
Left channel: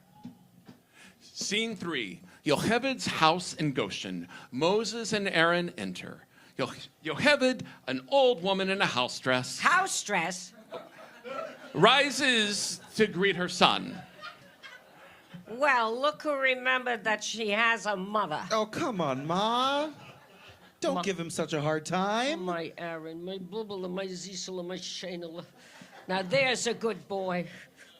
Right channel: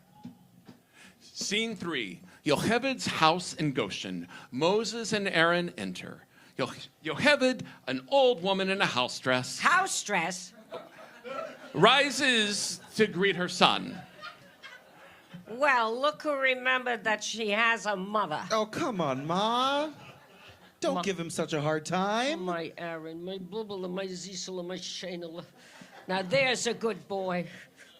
Scene 3. Jochebed's house in Goshen. Moses and Aaron enter. Jochebed, an old woman in a house dress, House dress? rises to greet her son. Well, look who remembered that she has a mother. Oh, come on, Ma. Don't give him such a hard time. My Aaron, my bubble, my zisel, my shanel. Now there's a good boy.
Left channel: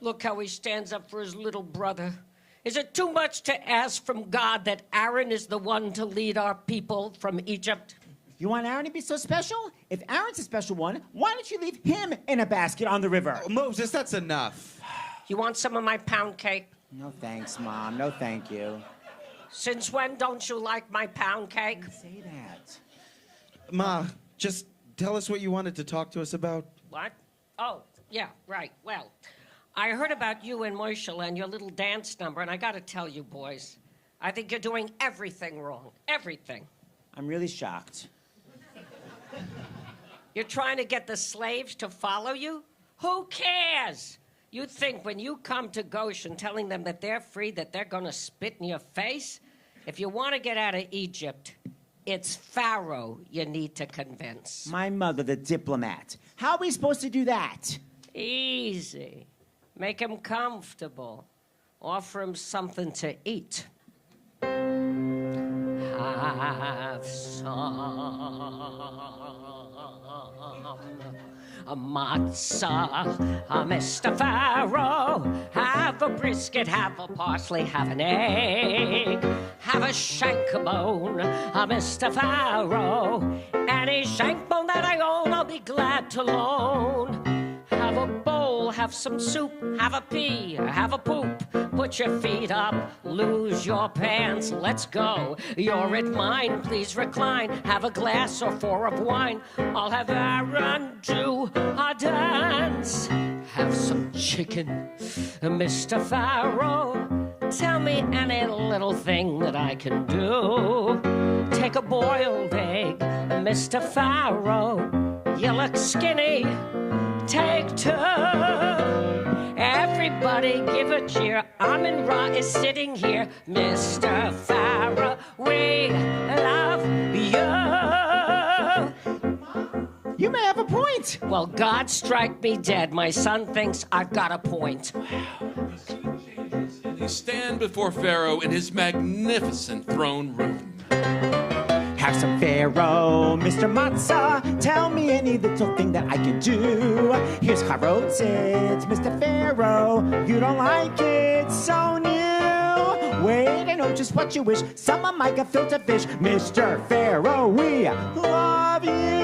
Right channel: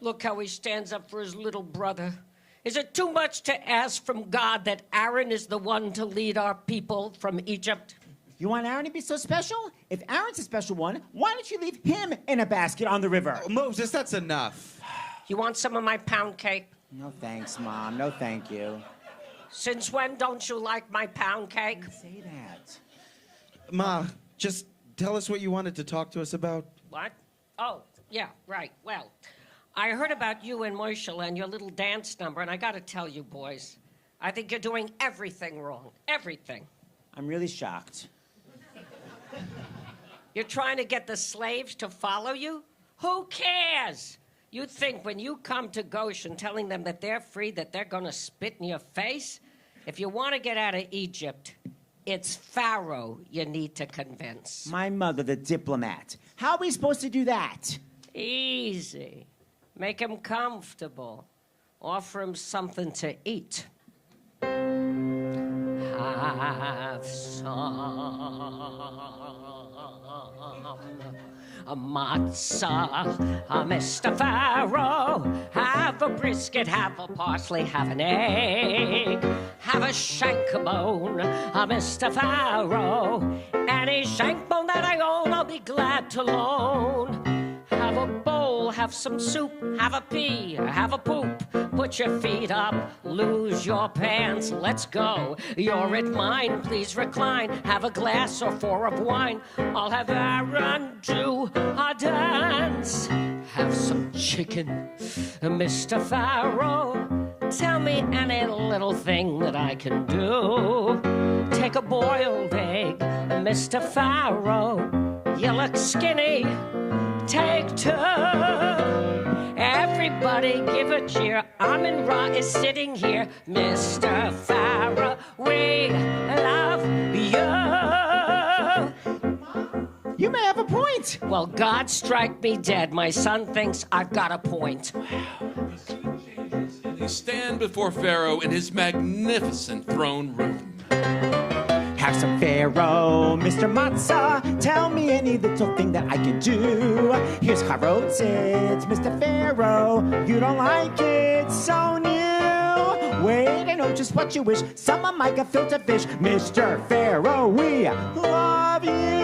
Look how he stands up for his little brother. Is it too much to ask from God that Aaron is the one to lead our people from Egypt? You want Aaron to be so special? If Aaron's a special one, why don't you leave him in a basket on the river? Oh, Moses, that's enough. You want some of my pound cake? No thanks, Mom. No thank you. Since when don't you like my pound cake? Don't say that. Ma, just tell us what you wanted to talk to us about. What? Oh, yeah, right. Well, I heard about you and Moishel and your little dance number, and I gotta tell you, boys, I think you're doing everything wrong. Everything. I'm really shocked. You're trying to get the slaves to follow you? Who cares? You'd think when you come to Goshen telling them that they're free, that they're gonna spit in your face? If you want to get out of Egypt, it's Pharaoh you need to convince. My mother, the diplomat. How are we supposed to do that? Easy. Make him comfortable. Offer him something to eat. Have some matzah, Mr. Pharaoh. Have a brisket, have a parsley, have an egg. Have a shank bone, Mr. Pharaoh. Any shank bone that I own, I'll be glad to loan. Have a bowl, have some soup, have a pea, have a poop. Put your feet up, lose your pants, let's go. You're at mine, please recline. Have a glass or four of wine. I'll have Aaron do a dance. Have some chicken, Mr. Pharaoh. Tell me any little thing that I can do. Take a boiled egg, Mr. Pharaoh. You look skinny. Take two. Everybody give a cheer. Amin-Ra is sitting here. Mr. Pharaoh, we love you. You may have a point. Well, God strike me dead. My son thinks I've got a point. You stand before Pharaoh in his magnificent throne room. Have some Pharaoh, Mr. Matzah. Tell me any little thing that I can do. Here's carrots, Mr. Pharaoh. You don't like it, so new. Wait, I know just what you wish. Some of my gefilte fish. Mr. Pharaoh, we love you.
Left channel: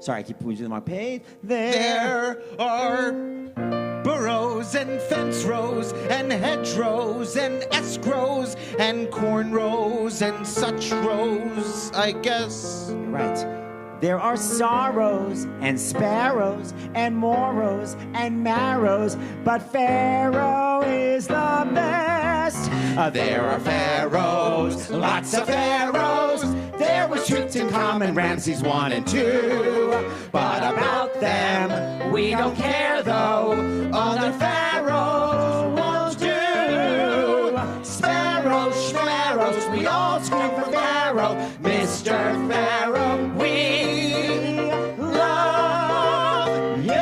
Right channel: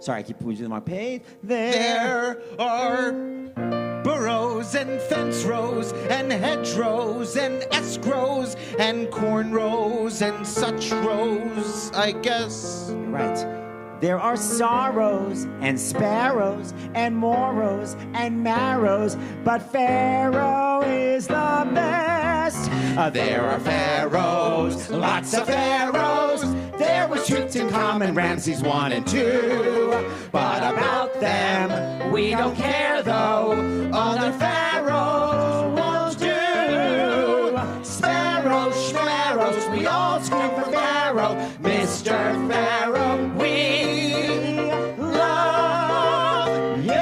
Sorry, I keep losing my page. There are burrows and fence rows and hedgerows and escrows and corn rows and such rows, I guess. Right. There are sorrows and sparrows and moros and marrows, but Pharaoh is the best. There are pharaohs, lots of pharaohs. There was Tutankhamun and Ramses 1 and 2. But about them, we don't care though. Other pharaohs won't do. Sparrows, schmarrows, we all scream for Pharaoh. Mr. Pharaoh, we love you.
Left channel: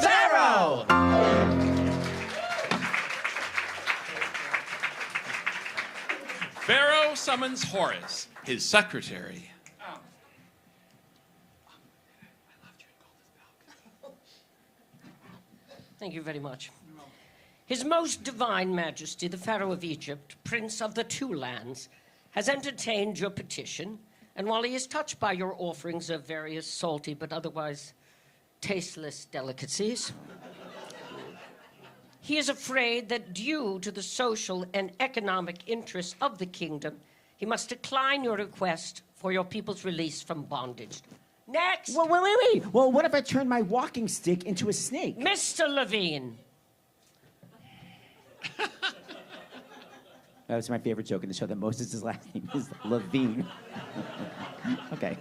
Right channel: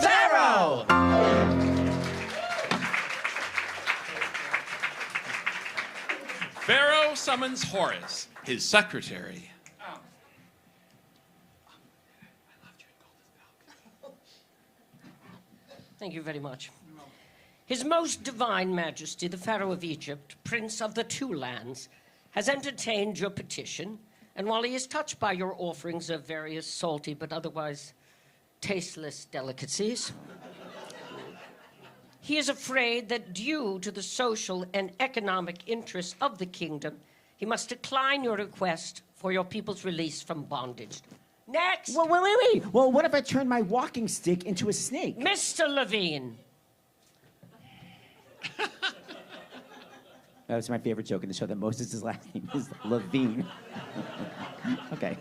Pharaoh! Pharaoh summons Horus, his secretary. Thank you very much. His most divine majesty, the Pharaoh of Egypt, prince of the two lands, has entertained your petition, and while he is touched by your offerings of various salty but otherwise tasteless delicacies, he is afraid that due to the social and economic interests of the kingdom, he must decline your request for your people's release from bondage. Next! Well, wait. Well, what if I turn my walking stick into a snake? Mr. Levine. That was my favorite joke in the show, that Moses' last name is Levine. Okay.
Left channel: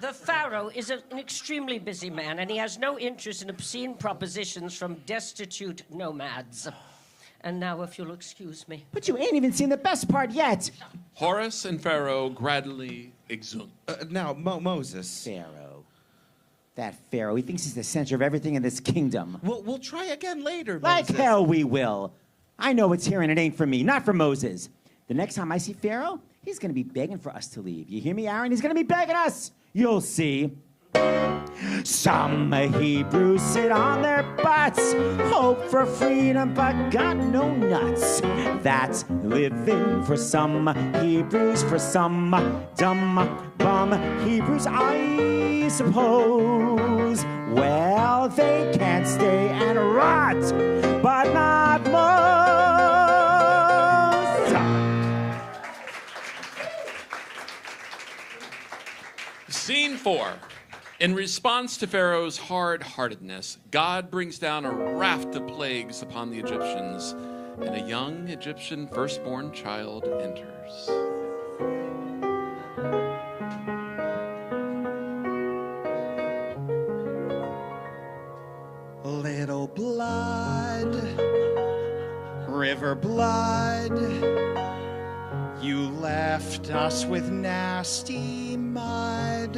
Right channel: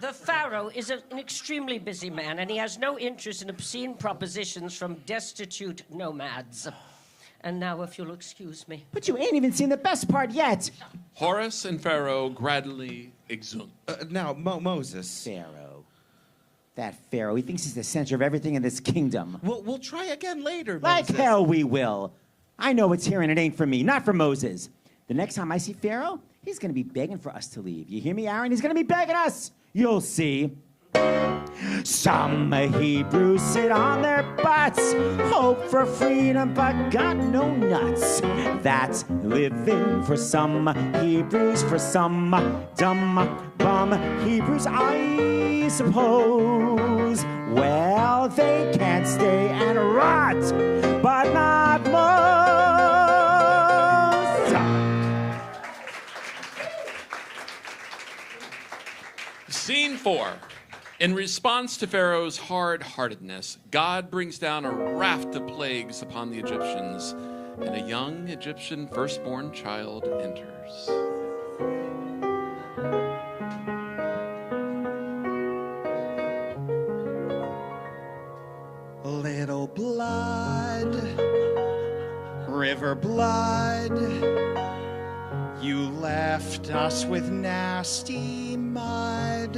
The Pharaoh is an extremely busy man, and he has no interest in obscene propositions from destitute nomads. And now, if you'll excuse me. But you ain't even seen the best part yet. Horus and Pharaoh gradually exhumed. Now, Moses. Pharaoh. That Pharaoh, he thinks he's the center of everything in this kingdom. We'll try again later, Like Moses. hell we will. I know it's here and it ain't for me, not for Moses. The next time I see Pharaoh, he's going to be begging for us to leave. You hear me, Aaron? He's going to be begging us. You'll see. Some Hebrews sit on their butts, hope for freedom, but got no nuts. That's living for some Hebrews, for some dumb bum Hebrews, I suppose. Well, they can't stay and rot, but not most. Scene 4. In response to Pharaoh's hard-heartedness, God brings down a raft of plagues upon the Egyptians, and a young Egyptian firstborn child enters. Little blood, river blood, you left us with nasty mud.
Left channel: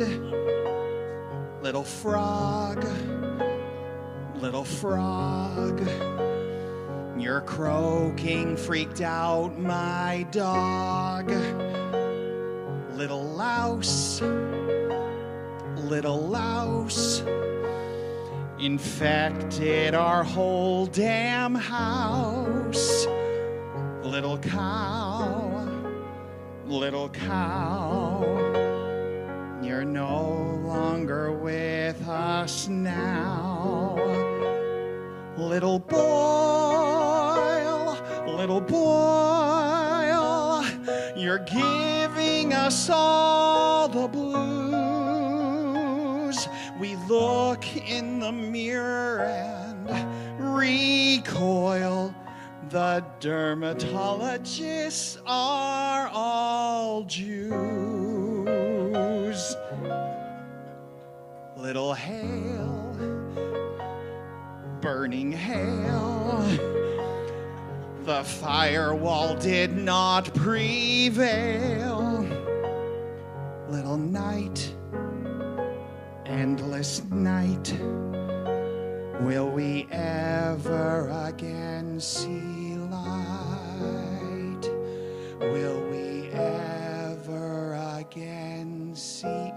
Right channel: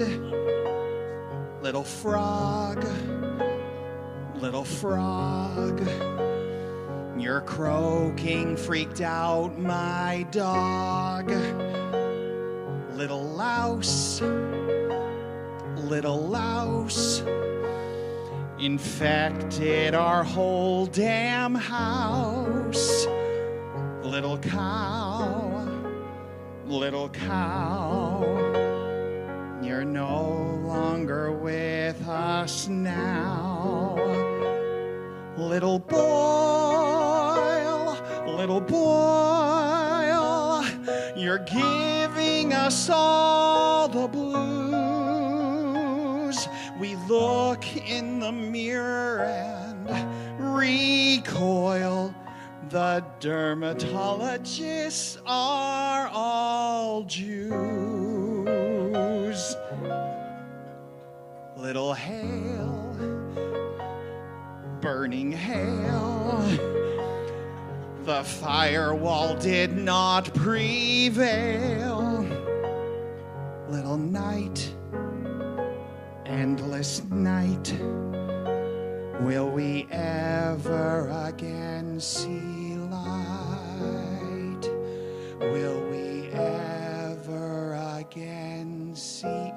Little frog, you're croaking, freaked out my dog. Little louse, infected our whole damn house. Little cow, you're no longer with us now. Little boil, you're giving us all the blues. We look in the mirror and recoil. The dermatologists are all Jews. Little hail, burning hail, the firewall did not prevail. Little night, endless night, will we ever again see light? Will we ever again see...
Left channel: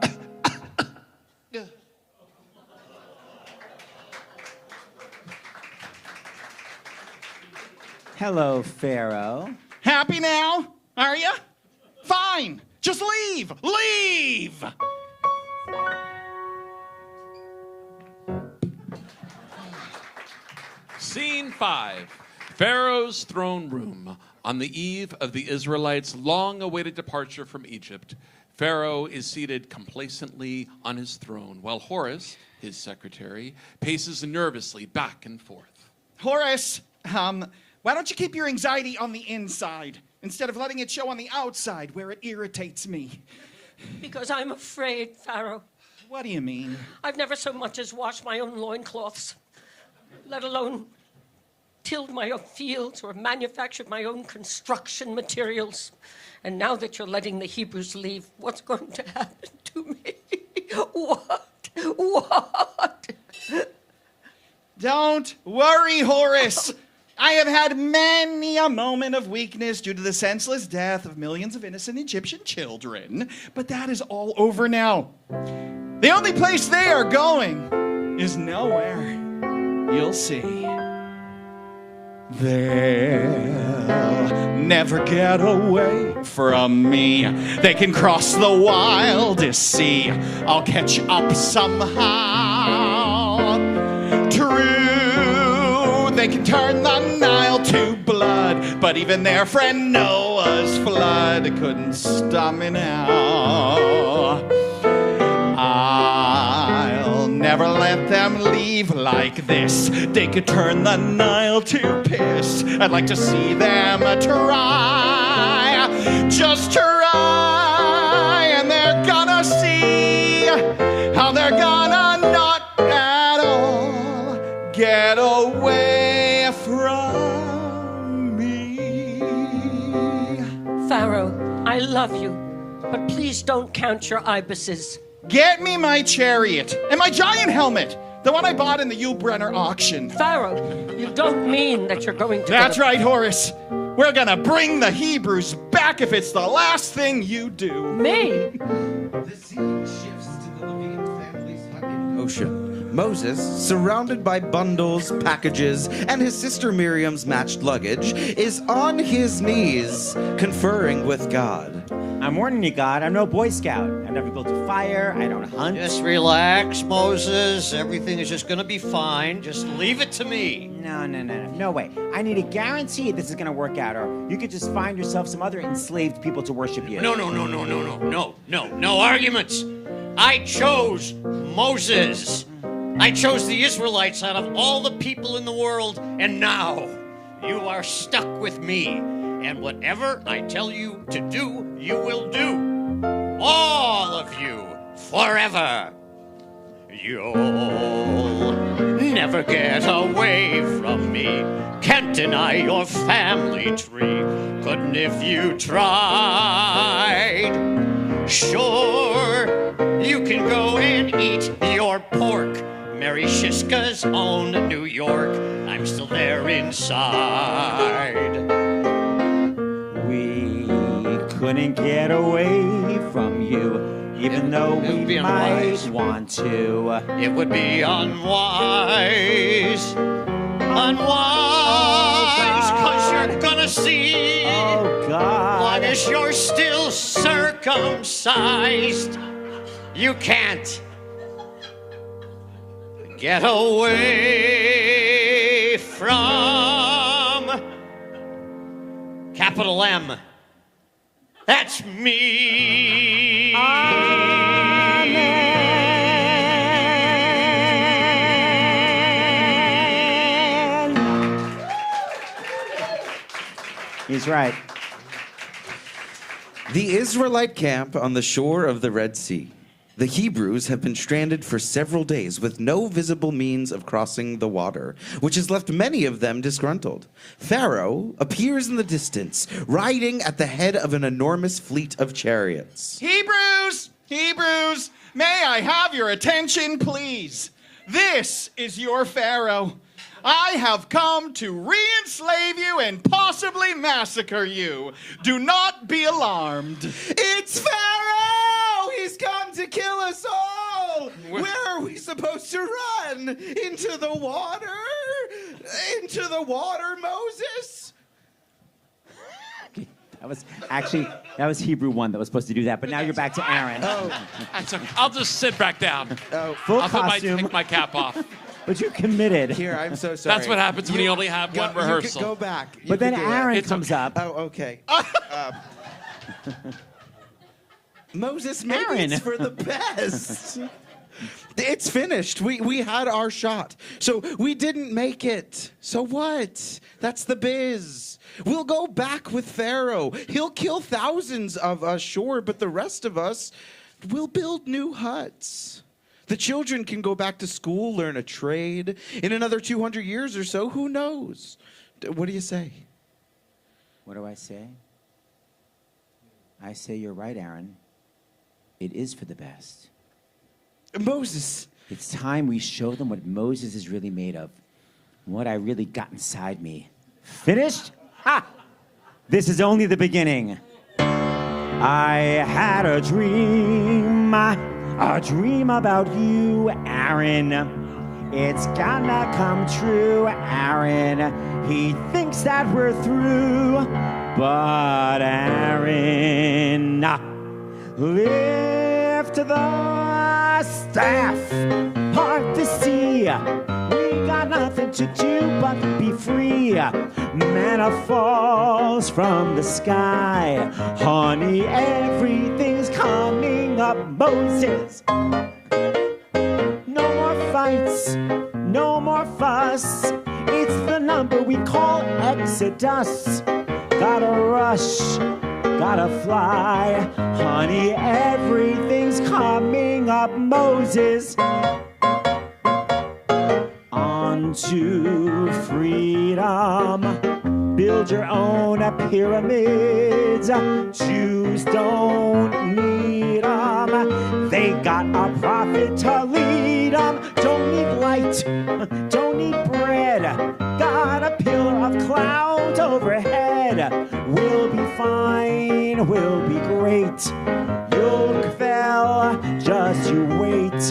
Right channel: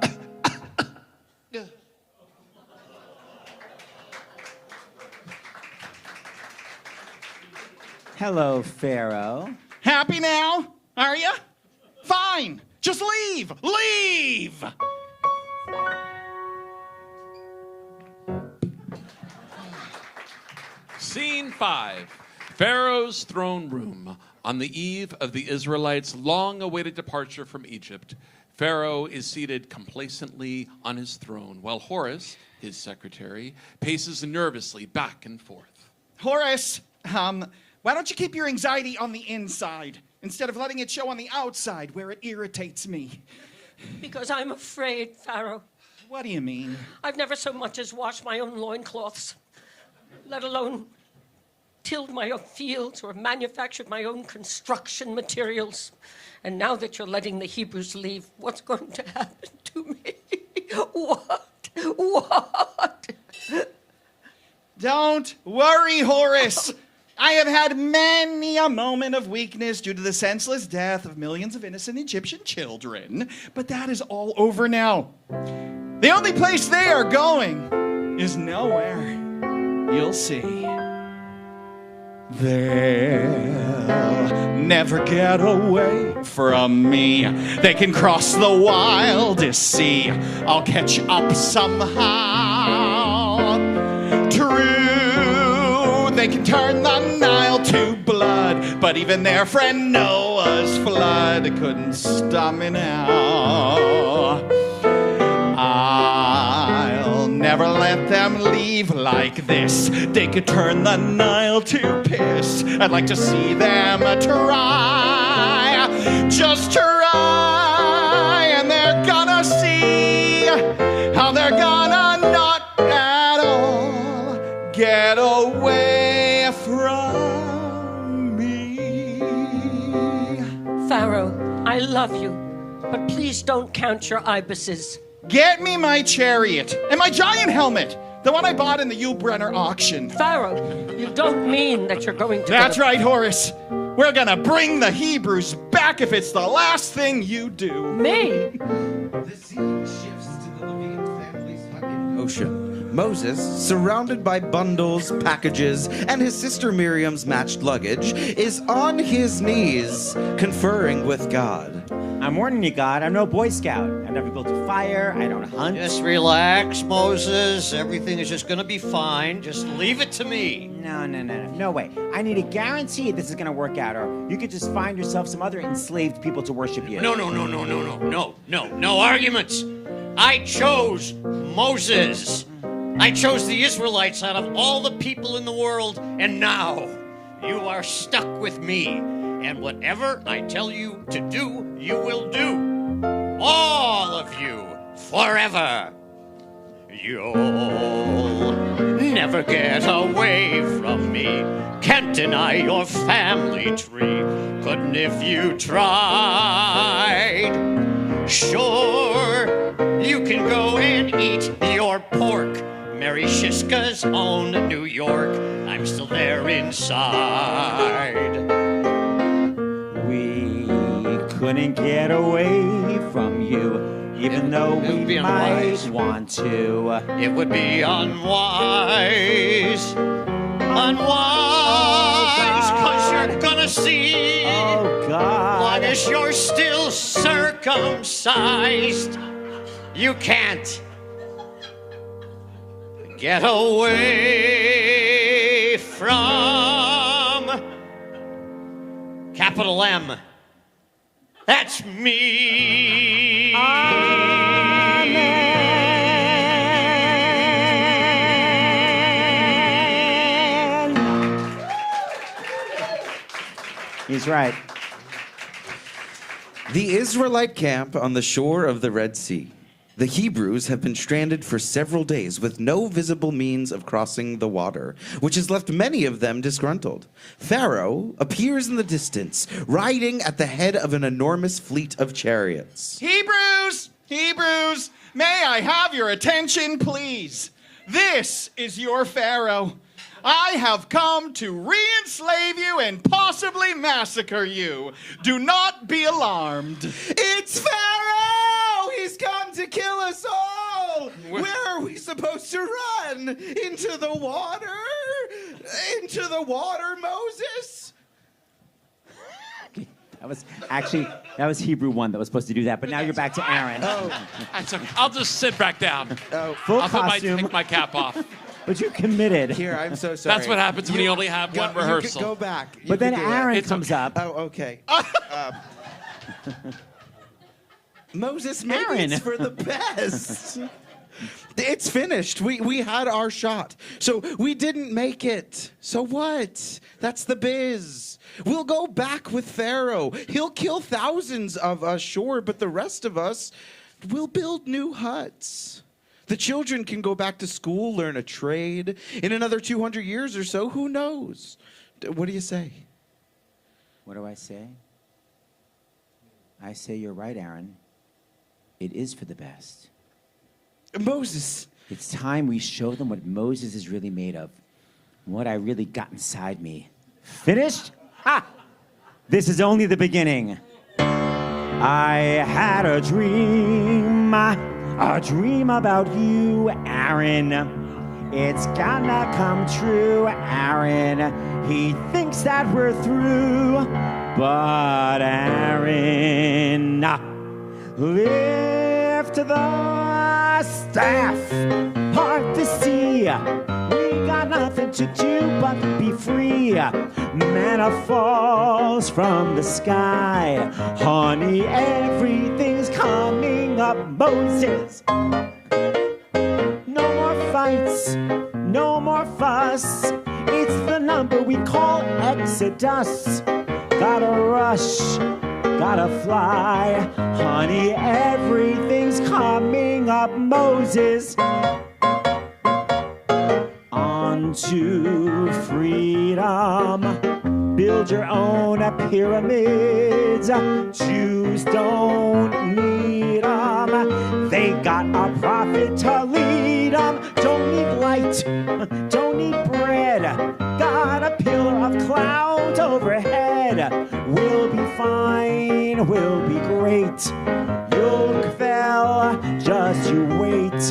Hello, Pharaoh. Happy now? Are ya? Fine. Just leave. Leave! Scene 5. Pharaoh's throne room. On the eve of the Israelites' long-awaited departure from Egypt, Pharaoh is seated complacently on his throne, while Horus, his secretary, paces nervously back and forth. Horace, why don't you keep your anxiety on the inside instead of letting it show on the outside where it irritates me? Because I'm afraid, Pharaoh. What do you mean? I've never so much as washed my own loincloths, let alone tilled my own fields or manufactured my own construction materials. And now that you're letting the Hebrews leave, what's going to happen to me? What? Don't worry, Horace. I have had many a moment of weakness due to the senseless death of millions of innocent Egyptian children, but that is all over now. The only place they are going is nowhere. You'll see. They'll never get away from me. They can cross the wildest sea. I'll catch up somehow. True, they can turn the Nile to blood, but even their friend Noah's flood couldn't stop me now. I'll never let them leave like this. They could turn the Nile to piss. I'd like to see them try. Just try, and they're gonna see how they're gonna not at all get away from me. Pharaoh, I love you, but please don't count your ibises. Get me my chariot and my giant helmet, the one I bought in the Yulbrenner auction. Pharaoh, you don't mean that you're going to... That's right, Horace. We're gonna bring the Hebrews back if it's the last thing you do. Me? The scene shifts to the living family's hunting ocean. Moses, surrounded by bundles, packages, and his sister Miriam's matched luggage, is on his knees, conferring with God. I'm warning you, God, I'm no Boy Scout. I never built a fire, I don't hunt. Just relax, Moses. Everything is just going to be fine. Just leave it to me. No way. I need a guarantee this is going to work out, or you could just find yourself some other enslaved people to worship you. No arguments. I chose Moses. I chose the Israelites out of all the people in the world, and now you are stuck with me. And whatever I tell you to do, you will do. All of you, forever. You'll never get away from me. Can't deny your family tree. Couldn't if you tried. Sure, you can go and eat your pork. Mary Shiska's own New York. I'm still there inside. We couldn't get away from you, even though we might want to. It would be unwise. Unwise, 'cause you're gonna see. Oh, God. Long as you're still circumcised, you can't get away from capital M. That's me. He's right. The Israelite camp on the shore of the Red Sea. The Hebrews have been stranded for several days with no visible means of crossing the water, which has left many of them disgruntled. Pharaoh appears in the distance, riding at the head of an enormous fleet of chariots. Hebrews, may I have your attention, please? This is your Pharaoh. I have come to re-enslave you and possibly massacre you. Do not be alarmed. It's Pharaoh! He's come to kill us all! Where are we supposed to run? Into the water? Into the water, Moses? That was Hebrew 1 that was supposed to do that, but now you're back to Aaron. Oh, that's okay. I'll just sit back down. Full I'll take my cap off. But you're committed. Here, I'm so sorry. That's what happens when you only have one rehearsal. Go back. But then Aaron comes up. Oh, okay. Moses, maybe Aaron. it's for the best. It's finished. We had our shot. So we didn't make it. So what? That's the biz. We'll go back with Pharaoh. He'll kill thousands of us, sure, but the rest of us will build new huts. The children can go back to school, learn a trade. In another 200 years or so, who knows? What do you say? What do I say? I say you're right, Aaron. It is for the best. Moses. It's time we show them what Moses is really made of. And what I really got inside me. Finished? Ha! This is only the beginning. I had a dream about you, Aaron. It's gonna come true, Aaron. He thinks that we're through, but Aaron, lift the staff. Hard to see. We got nothing to do but be free. Manna falls from the sky. Honey, everything's coming up. Moses. No more fights. No more fuss. It's the number we call Exodus. Gotta rush. Gotta fly. Honey, everything's coming up. Moses. To freedom, build your own pyramids. Jews don't need them. They got a prophet to lead them. Don't need light, don't need bread. Got a pillar of cloud overhead. We'll be fine, we'll be great. Yochebed, just you wait.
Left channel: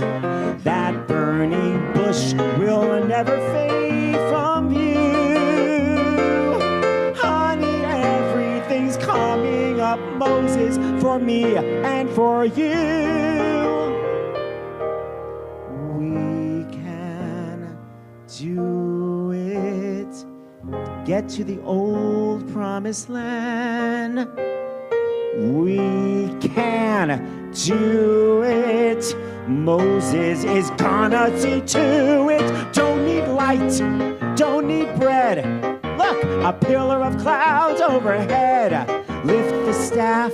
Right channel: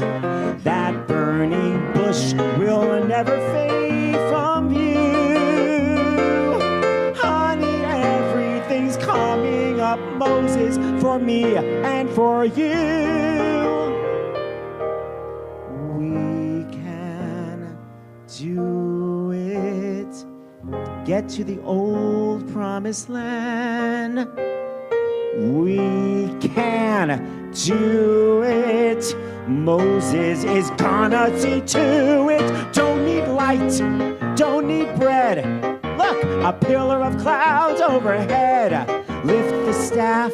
That burning bush will never fade from view. Honey, everything's coming up, Moses, for me and for you. We can do it. Get to the old promised land. We can do it. Moses is gonna see to it. Don't need light, don't need bread. Look, a pillar of clouds overhead. Lift the staff,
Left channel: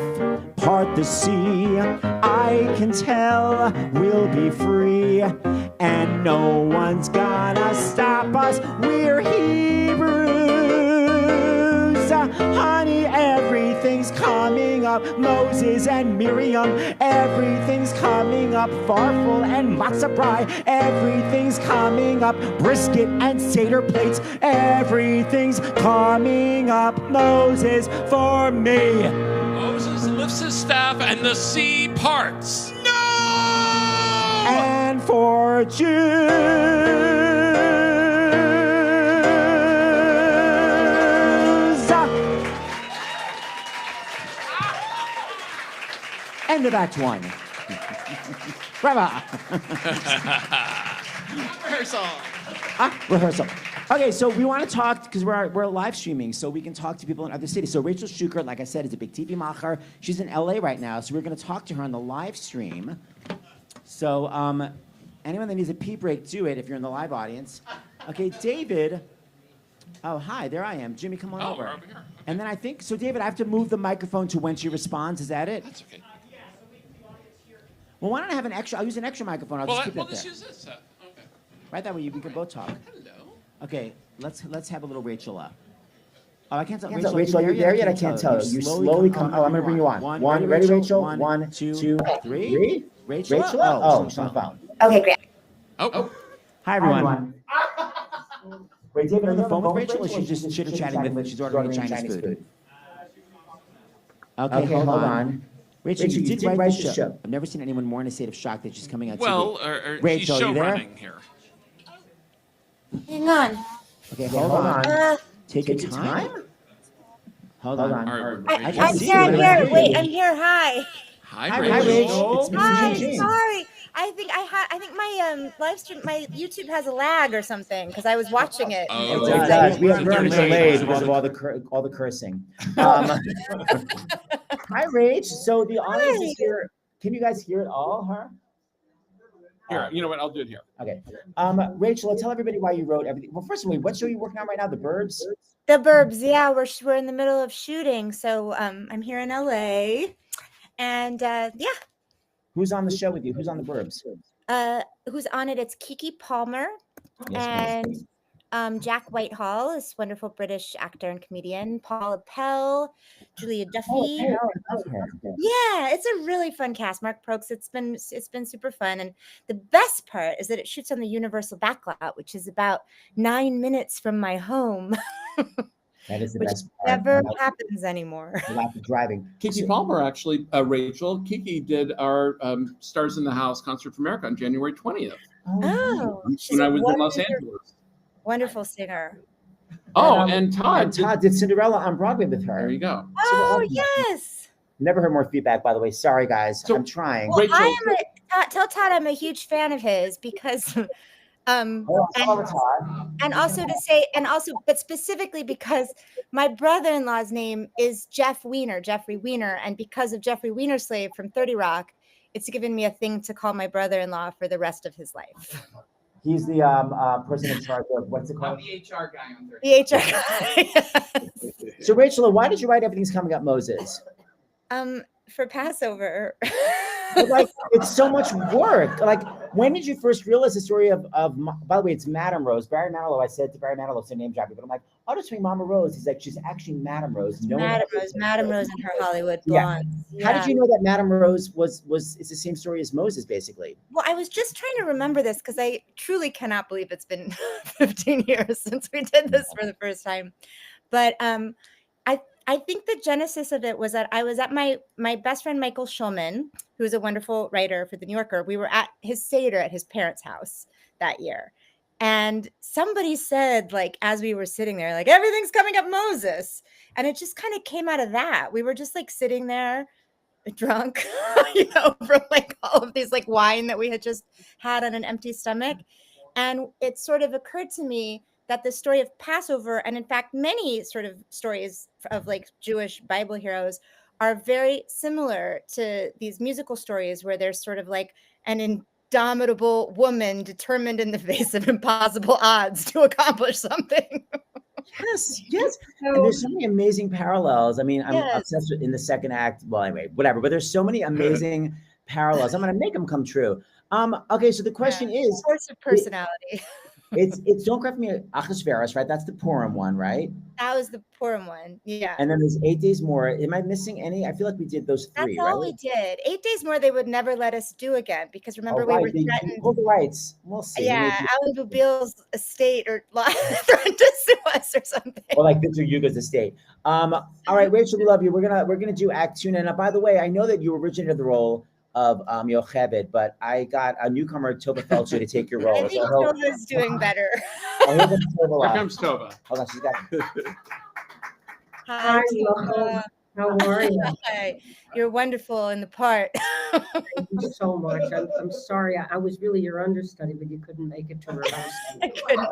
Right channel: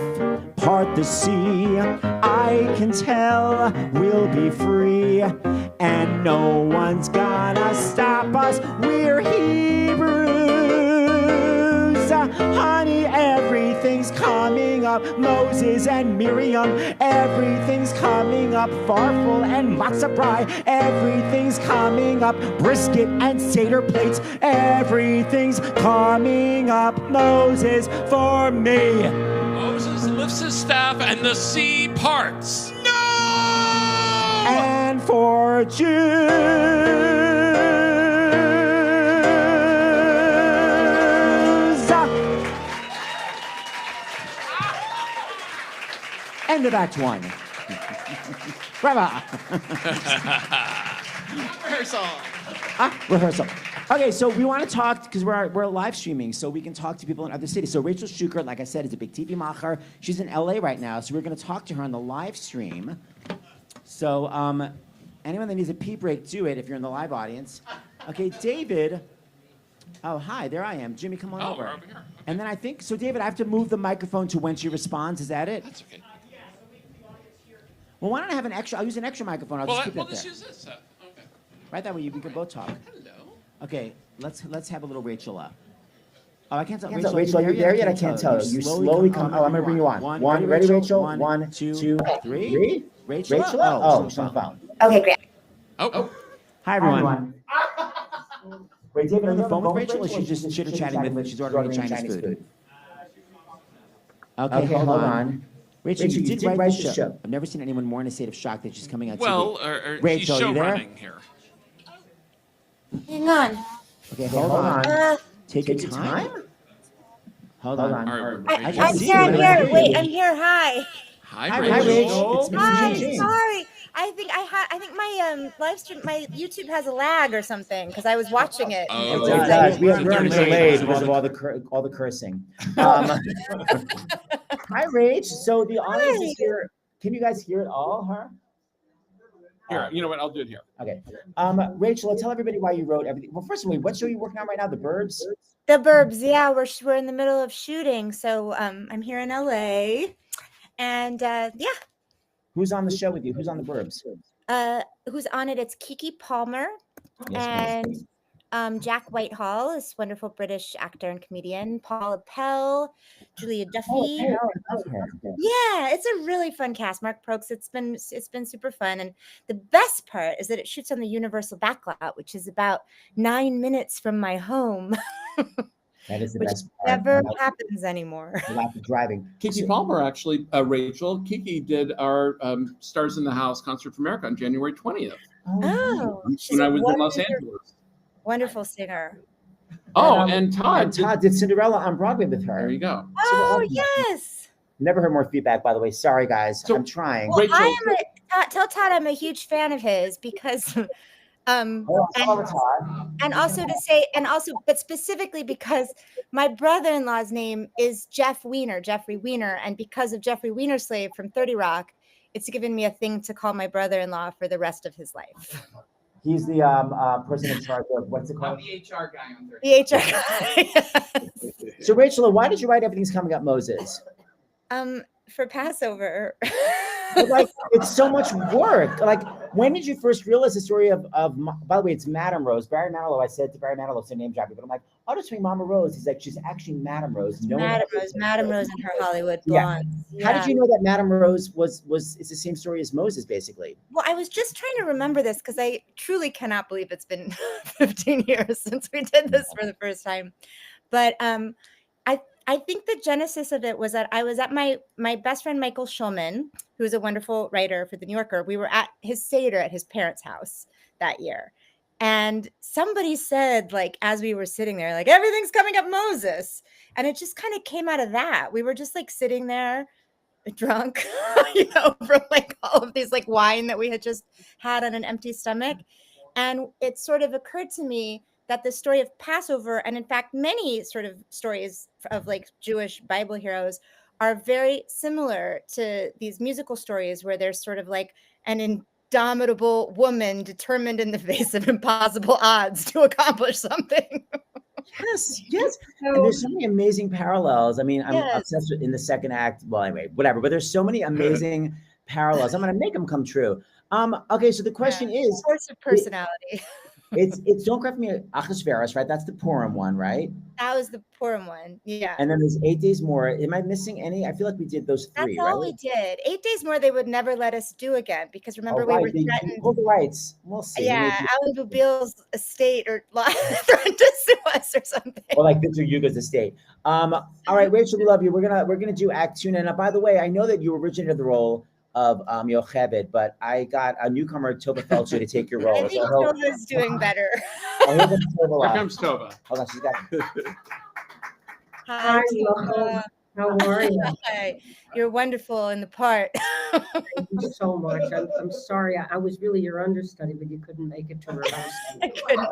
part the sea. I can tell we'll be free. And no one's gonna stop us. We're Hebrews. Honey, everything's coming up. Moses and Miriam, everything's coming up. Farfel and matzah pie, everything's coming up. Brisket and Seder plates, everything's coming up. Moses for me. Moses lifts his staff and the sea parts. And for Jews. End of Act 1. Bravo. Rehearsal. Okay, so we want to talk, because we're live streaming, so we can talk to people in other cities. So Rachel Shukert, like I said, is a big TV macher. She's in LA right now, so we're going to talk to her on the live stream. So anyone that needs a pee break, do it if you're in the live audience. Okay, David. Oh, hi, there I am. Jimmy, come on over. We're over here. And then I think, so David, I have to move the microphone to when she responds. Is that it? That's okay. Well, why don't I have an extra? I'll use an extra microphone. I'll just keep it there. Let's use this. Okay. Right, that way we can both talk. Hello. Okay, let's have a little Rachel up. Oh, I can't tell. Rachel, are you there yet? I can't tell. You slowly come. Oh, I'm going to bring you on. One, ready, Rachel? One, two, three. Rachel? Oh, she's on the phone. Okay, great. Oh. Hi, everyone. Wait, David, are you on the phone with Rachel, or she's just chitter-chatting with, she's ordering Chinese food? Okay, hold on. Rachel, you did write the show. I've never seen anyone more in a state of shock that she's coming out. Well, Rachel, she's you there? running here. Hang on. Okay, hold on. Take your time. Hold on. I'm here. Wait, I'm here. Hi. Hi, Rachel. Hi. Sorry. I think my live stream, my YouTube has a lag or something because I was watching it. And it It does. We're on a delay because of all the cursing. Hi, Rach. So the audience is here. Can you guys hear it all, huh? Here, you know what? I'll do it here. Okay. Rachel, tell everybody why you wrote everything. Well, first of all, what show are you working on right now? The Burbs? The Burbs, yeah. We're in the middle of shooting, so I'm here in LA, and yeah. Who's on the show with you? Who's on the Burbs? Who's on it? It's Keke Palmer and Jack Whitehall, this wonderful British actor and comedian. Paula Pell, Julia Duffy. I love her. Yeah, it's a really fun cast. Mark Prokes. It's been super fun, and the best part is that it shoots on the Universal Backlot, which is about 9 minutes from my home. That is the which best part. never happens anymore. Lack of driving. Keke Palmer, actually, Rachel. Keke did our Stars in the House Concert for America on January 20th. Oh, when I was in Los Angeles. Wonderful singer. Oh, and Todd. Todd did Cinderella on Broadway with her. There you go. Oh, yes. Never heard more feedback, by the way. Sorry, guys. I'm trying. Well, tell Todd I'm a huge fan of his because but specifically because my brother-in-law's name is Jeffrey Weiner, and because of Jeffrey Weiner's Slave from 30 Rock, it's given me a thing to call my brother-in-law for the rest of his life. He's the person in charge of what's it called? I'm the HR guy on 30. The HR guy. Yes. So Rachel, why did you write Everything's Coming Up, Moses? For Passover. Like, it's so much work. Like, when did you first realize the story of by the way, it's Madame Rose, Barry Manilow. I said to Barry Manilow, so name dropping, but I'm like, oh, just saying Mama Rose. He's like, she's actually Madame Rose. Madame Rose and her Hollywood blondes. Yeah. How did you know that Madame Rose is the same story as Moses, basically? Well, I was just trying to remember this because I truly cannot believe it's been 15 years since we did this for the first time. But I think the genesis of it was that I was at my best friend Michael Schulman, who's a wonderful writer for The New Yorker. We were at his Seder at his parents' house that year. And somebody said, like, as we were sitting there, like, everything's coming up Moses. And it just kind of came out of that. We were just like sitting there drunk, from like all of these like wine that we had just had on an empty stomach. And it sort of occurred to me that the story of Passover, and in fact, many sort of stories of like Jewish Bible heroes, are very similar to these musical stories where there's sort of like an indomitable woman determined in the face of impossible odds to accomplish something. Yes. And there's so many amazing parallels. I mean, I'm obsessed with in the second act. Well, anyway, whatever. But there's so many amazing parallels. I'm going to make them come true. Okay, so the question is, force of personality. It's Don't Cry for Me, Achashverosh, right? That's the Purim one, right? That was the Purim one. Yeah. And then there's 8 Days More. Am I missing any? I feel like we did those three, That's all right? we did. 8 Days More, they would never let us do again because remember we were threatened. Pulled the rights. We'll see. Yeah, Alan Bubil's estate or threatened to sue us or something. Or like Victor Hugo's estate. All right, Rachel, we love you. We're gonna do Act 2 now. Now, by the way, I know that you originated the role of Jochebed, but I got a newcomer, Tovah Feldshuh, to take your role. I think Tovah's doing better. Here comes Tovah. Hold on, she's got. Hi, Tovah. How are you? Hi. You're wonderful in the part. Thank you so much. I'm sorry. I was really your understudy, but you couldn't make it to rehearsal. I couldn't.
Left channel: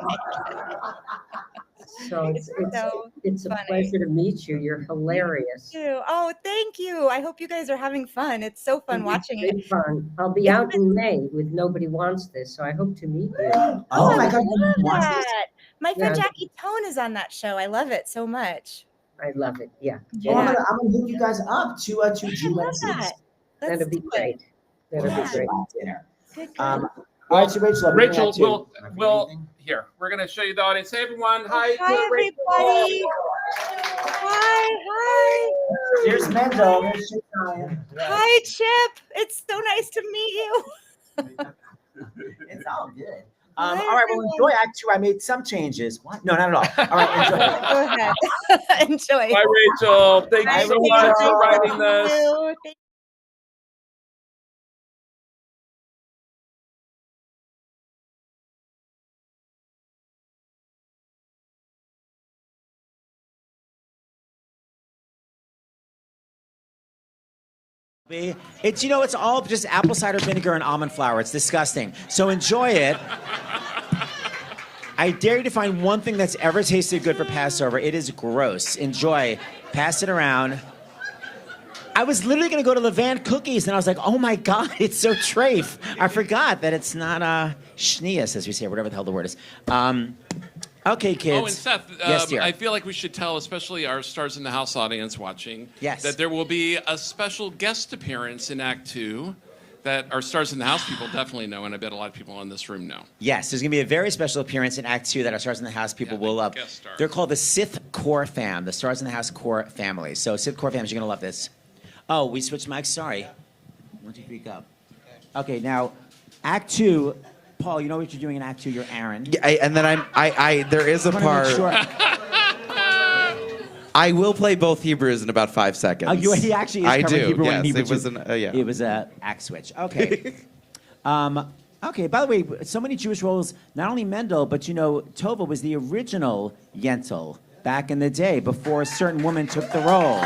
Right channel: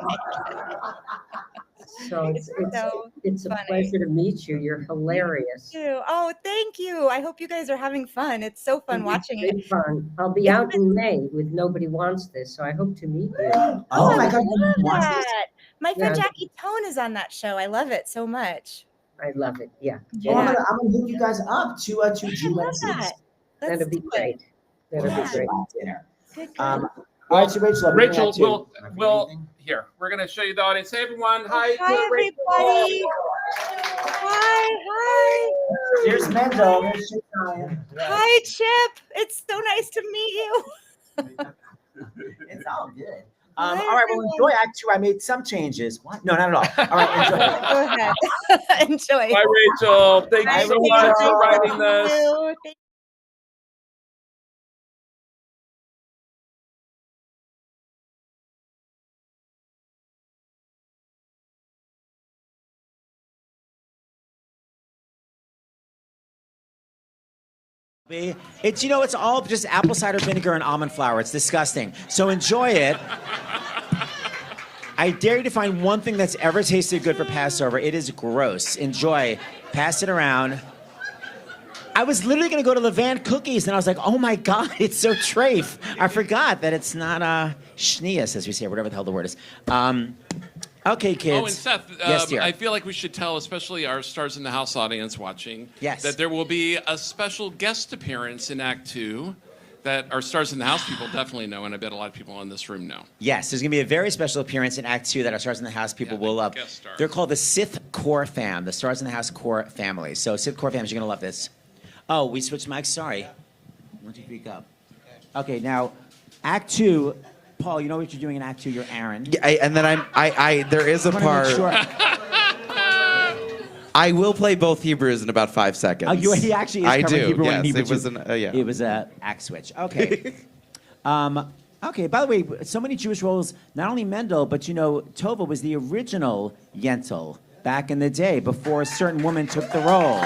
So it's a pleasure to meet you. You're hilarious. Thank you. Oh, thank you. I hope you guys are having fun. It's so fun watching it. Fun. I'll be out in May with Nobody Wants This, so I hope to meet you. Oh my God, I love Wants This? that. My friend Jackie Tone is on that show. I love it so much. I love it. Yeah. Well, I'm gonna hook you guys up to GYPSY. That'd be great. That'd be great. Dinner. Good. All right, so Rachel, we'll here. We're gonna show you the audience. Hey everyone. Hi. Hi everybody. Hi. Here's Mendel. Here's Shukert. Hi Chip. It's so nice to meet you. It's all good. All right, well, enjoy Act 2. I made some changes. What? No, not at all. All right, enjoy. Go ahead. Enjoy. Bye, Rachel. Thank you so much for writing this. Thank you. It's it's all just apple cider vinegar and almond flour. It's disgusting. So enjoy it. I dare you to find one thing that's ever tasted good for Passover. It is gross. Enjoy. Pass it around. I was literally going to go to Levant Cookies, and I was like, oh my God, it's so treif. I forgot that it's not schneas, as we say, or whatever the hell the word is. Okay, kids. Oh, and Seth, yes, dear. I feel like we should tell, especially our Stars in the House audience watching, yes, that there will be a special guest appearance in Act 2 that our Stars in the House people definitely know, and I bet a lot of people in this room know. Yes, there's going to be a very special appearance in Act 2 that our Stars in the House people will love. They're called the Sith Core Fam, the Stars in the House Core Family. So Sith Core Fams, you're going to love this. Oh, we switched mics. Sorry. 1, 2, 3, go. Okay, now Act 2. Paul, you know what you're doing in Act 2. You're Aaron. Yeah, and then there is a part. I will play both Hebrews in about 5 seconds. Oh, he actually is covering Hebrew yes, and Hebrew. It was an act switch. Okay. Okay, by the way, so many Jewish roles, not only Mendel, but Tovah was the original Yentl back in the day before a certain woman took the role.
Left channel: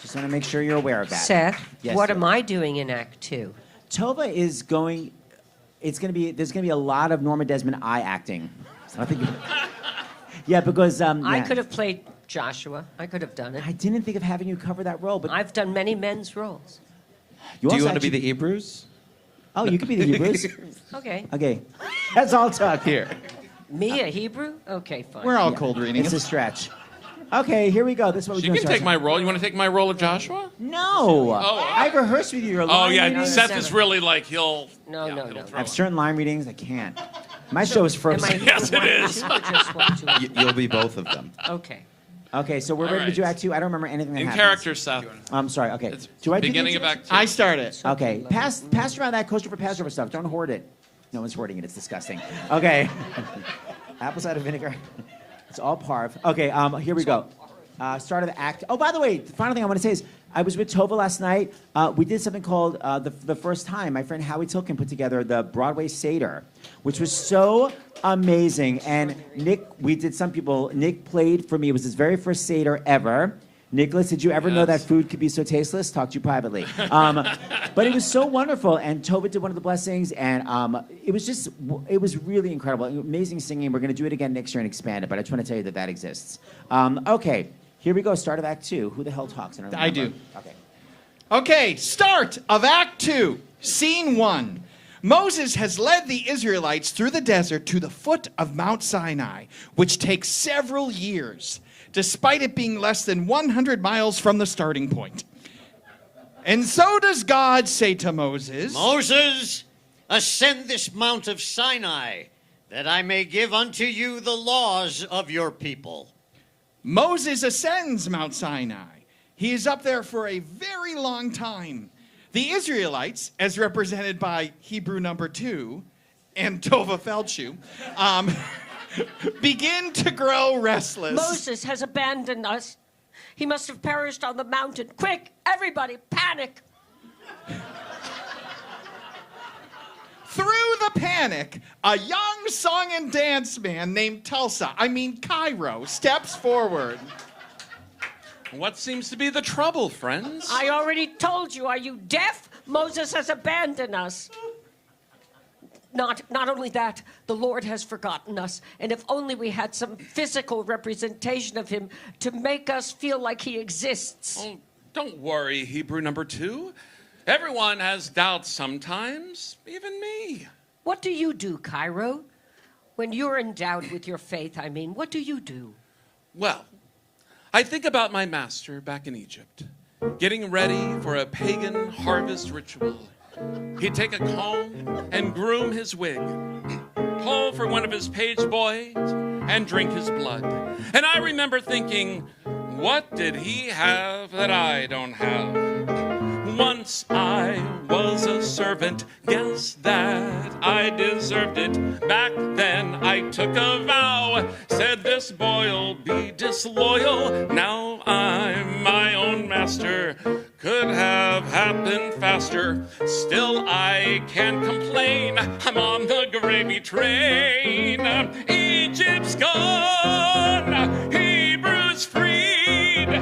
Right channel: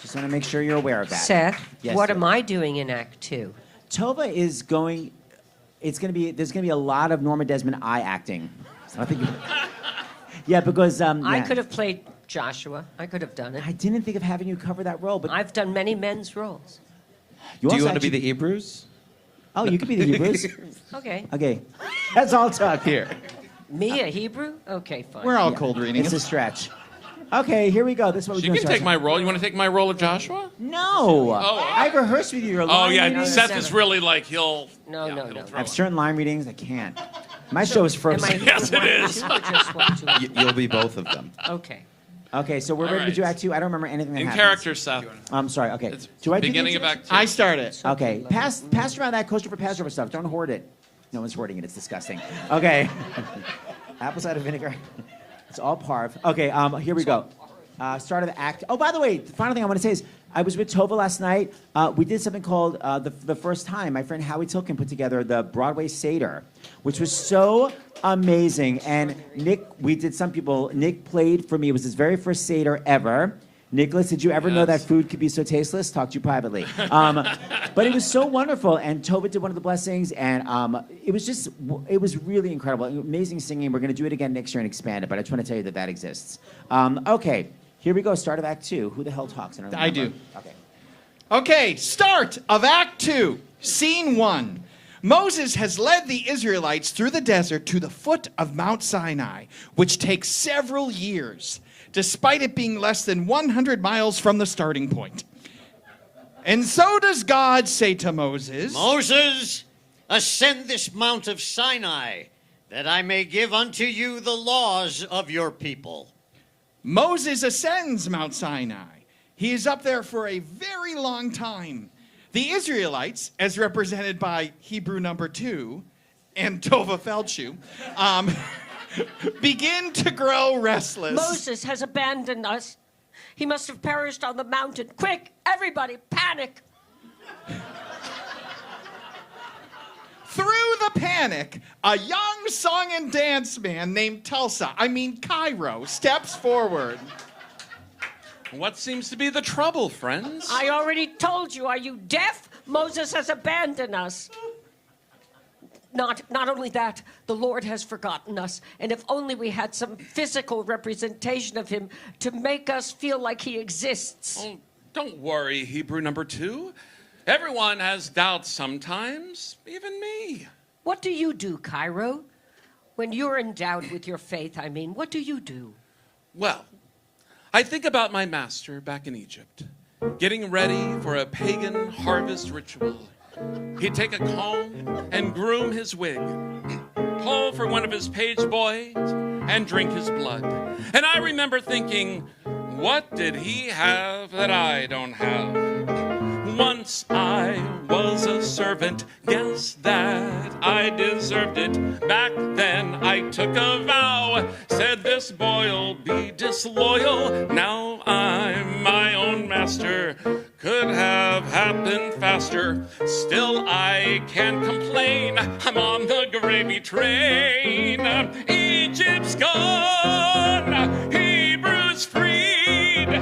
Just want to make sure you're aware of that. Seth, yes, what sir. am I doing in Act 2? Tovah is going. There's going to be a lot of Norma Desmond eye acting. So I think. Yeah, because I could have played Joshua. I could have done it. I didn't think of having you cover that role, but I've done many men's roles. Do you want to be the Hebrews? Oh, you could be the Hebrews. Okay. Okay, that's all talk here. Me, a Hebrew? Okay, fine. We're all cold reading. It's a stretch. Okay, here we go. This is what we're She doing. can take my role. You want to take my role of Joshua? No. Oh, I've rehearsed with you. Oh, yeah. Seth is really like, he'll... No. I have certain line readings I can't. My show is frozen. Yes, it is. You'll be both of them. Okay. Okay, so we're ready to do Act 2. I don't remember anything that In happens. character, Seth. I'm sorry. Okay. Do I beginning of Act 2. I start it. Okay. Pass around that coaster for Passover stuff. Don't hoard it. No one's hoarding it. It's disgusting. Okay. Apple cider vinegar. It's all parv. Okay, here we go. Start of the act. Oh, by the way, the final thing I want to say is I was with Tovah last night. We did something called the first time. My friend Howie Tilkin put together the Broadway Seder, which was so amazing. And Nick played for me. It was his very first Seder ever. Nicholas, did you ever know that food could be so tasteless? Talk to you privately. But it was so wonderful. And Tovah did one of the blessings. And it was really incredible. Amazing singing. We're going to do it again next year and expand it. But I just want to tell you that exists. Okay. Here we go. Start of Act 2. Who the hell talks? I do. Okay. Okay, start of Act 2, Scene 1. Moses has led the Israelites through the desert to the foot of Mount Sinai, which takes several years, despite it being less than 100 miles from the starting point. And so does God say to Moses, Moses, ascend this mount of Sinai, that I may give unto you the laws of your people. Moses ascends Mount Sinai. He is up there for a very long time. The Israelites, as represented by Hebrew number 2 and Tovah Feldshuh, begin to grow restless. Moses has abandoned us. He must have perished on the mountain. Quick, everybody, panic. Through the panic, a young song and dance man named Cairo, steps forward. What seems to be the trouble, friends? I already told you. Are you deaf? Moses has abandoned us. Not only that, the Lord has forgotten us. And if only we had some physical representation of him to make us feel like he exists. Oh, don't worry, Hebrew number 2. Everyone has doubts sometimes, even me. What do you do, Cairo? When you're endowed with your faith, what do you do? Well, I think about my master back in Egypt, getting ready for a pagan harvest ritual. He'd take a comb and groom his wig, call for one of his page boys, and drink his blood. And I remember thinking, what did he have that I don't have? Once I was a servant, guess that I deserved it. Back then I took a vow, said this boy'll be disloyal. Now I'm my own master, could have happened faster. Still I can't complain, I'm on the gravy train. Egypt's gone, Hebrews freed.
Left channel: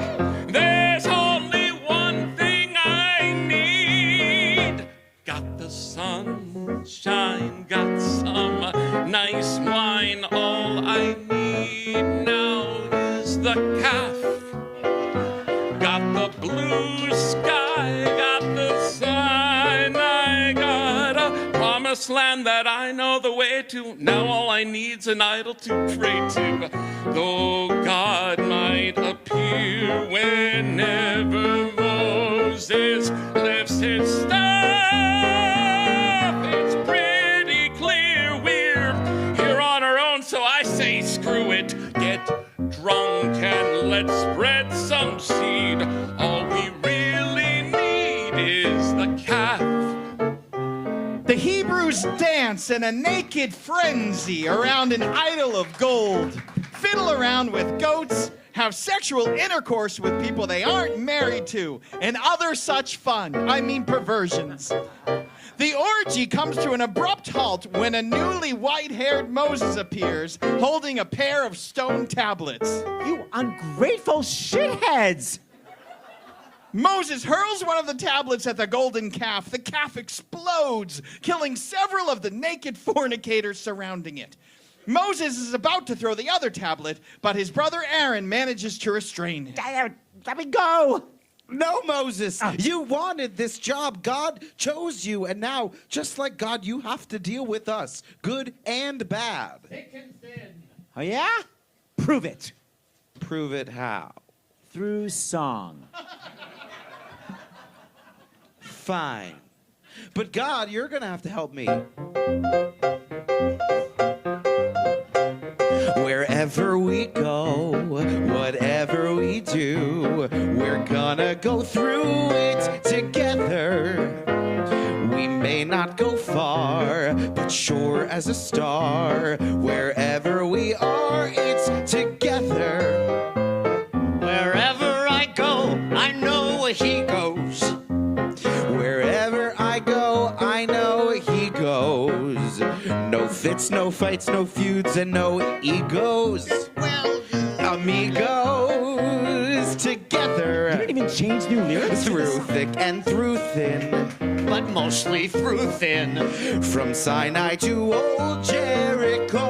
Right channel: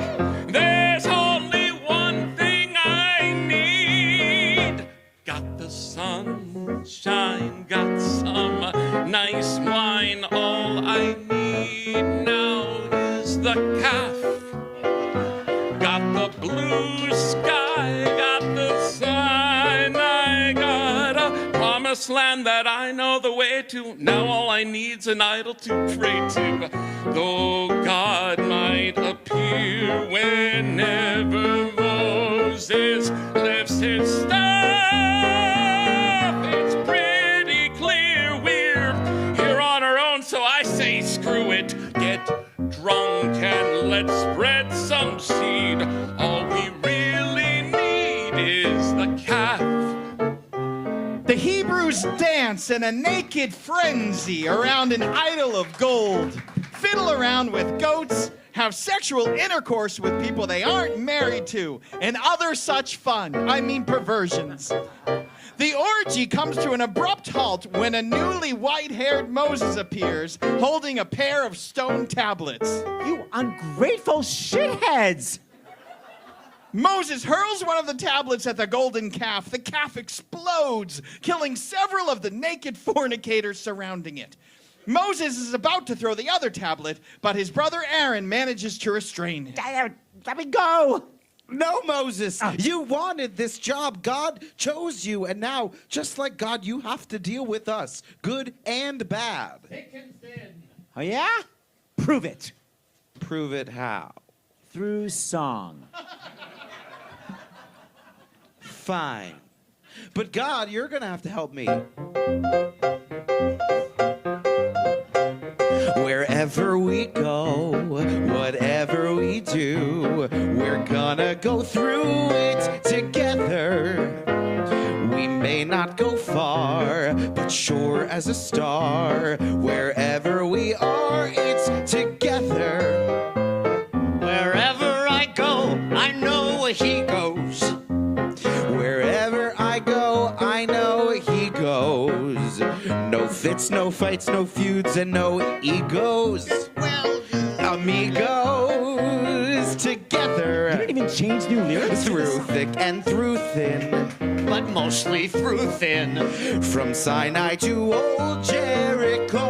There's only one thing I need. Got the sunshine, got some nice wine. All I need now is the calf. Got the blue sky, got the Sinai, got a promised land that I know the way to. Now all I need's an idol to pray to. Though God might appear whenever Moses lifts his staff, it's pretty clear we're here on our own, so I say screw it. Get drunk and let's spread some seed. All we really need is the calf. The Hebrews dance in a naked frenzy around an idol of gold, fiddle around with goats, have sexual intercourse with people they aren't married to, and other such fun, perversions. The orgy comes to an abrupt halt when a newly white-haired Moses appears, holding a pair of stone tablets. You ungrateful shitheads! Moses hurls one of the tablets at the golden calf. The calf explodes, killing several of the naked fornicators surrounding it. Moses is about to throw the other tablet, but his brother Aaron manages to restrain him. Let me go! No, Moses, you wanted this job. God chose you, and now, just like God, you have to deal with us, good and bad. Oh, yeah? Prove it. Prove it how? Through song. Fine. But God, you're going to have to help me. Wherever we go, whatever we do, we're gonna go through it together. We may not go far, but sure as a star. Wherever we are, it's together. Wherever I go, I know where he goes. Wherever I go, I know he goes. No fits, no fights, no feuds, and no egos. Well, amigos together. You didn't even change new lyrics. Through thick and through thin, but mostly through thin. From Sinai to old Jericho,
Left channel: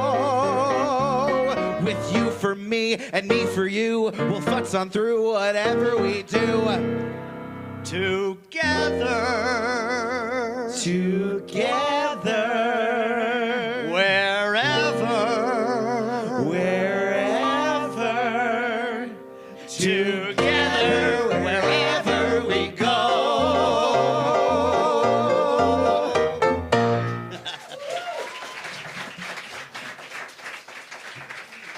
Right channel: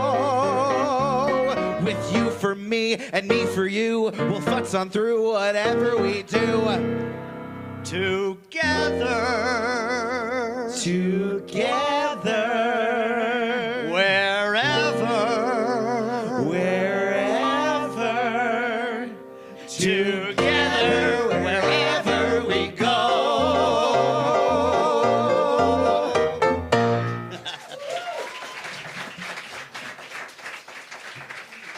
with you for me and me for you. We'll futz on through whatever we do. Together. Together. Wherever. Wherever. Together. Wherever we go.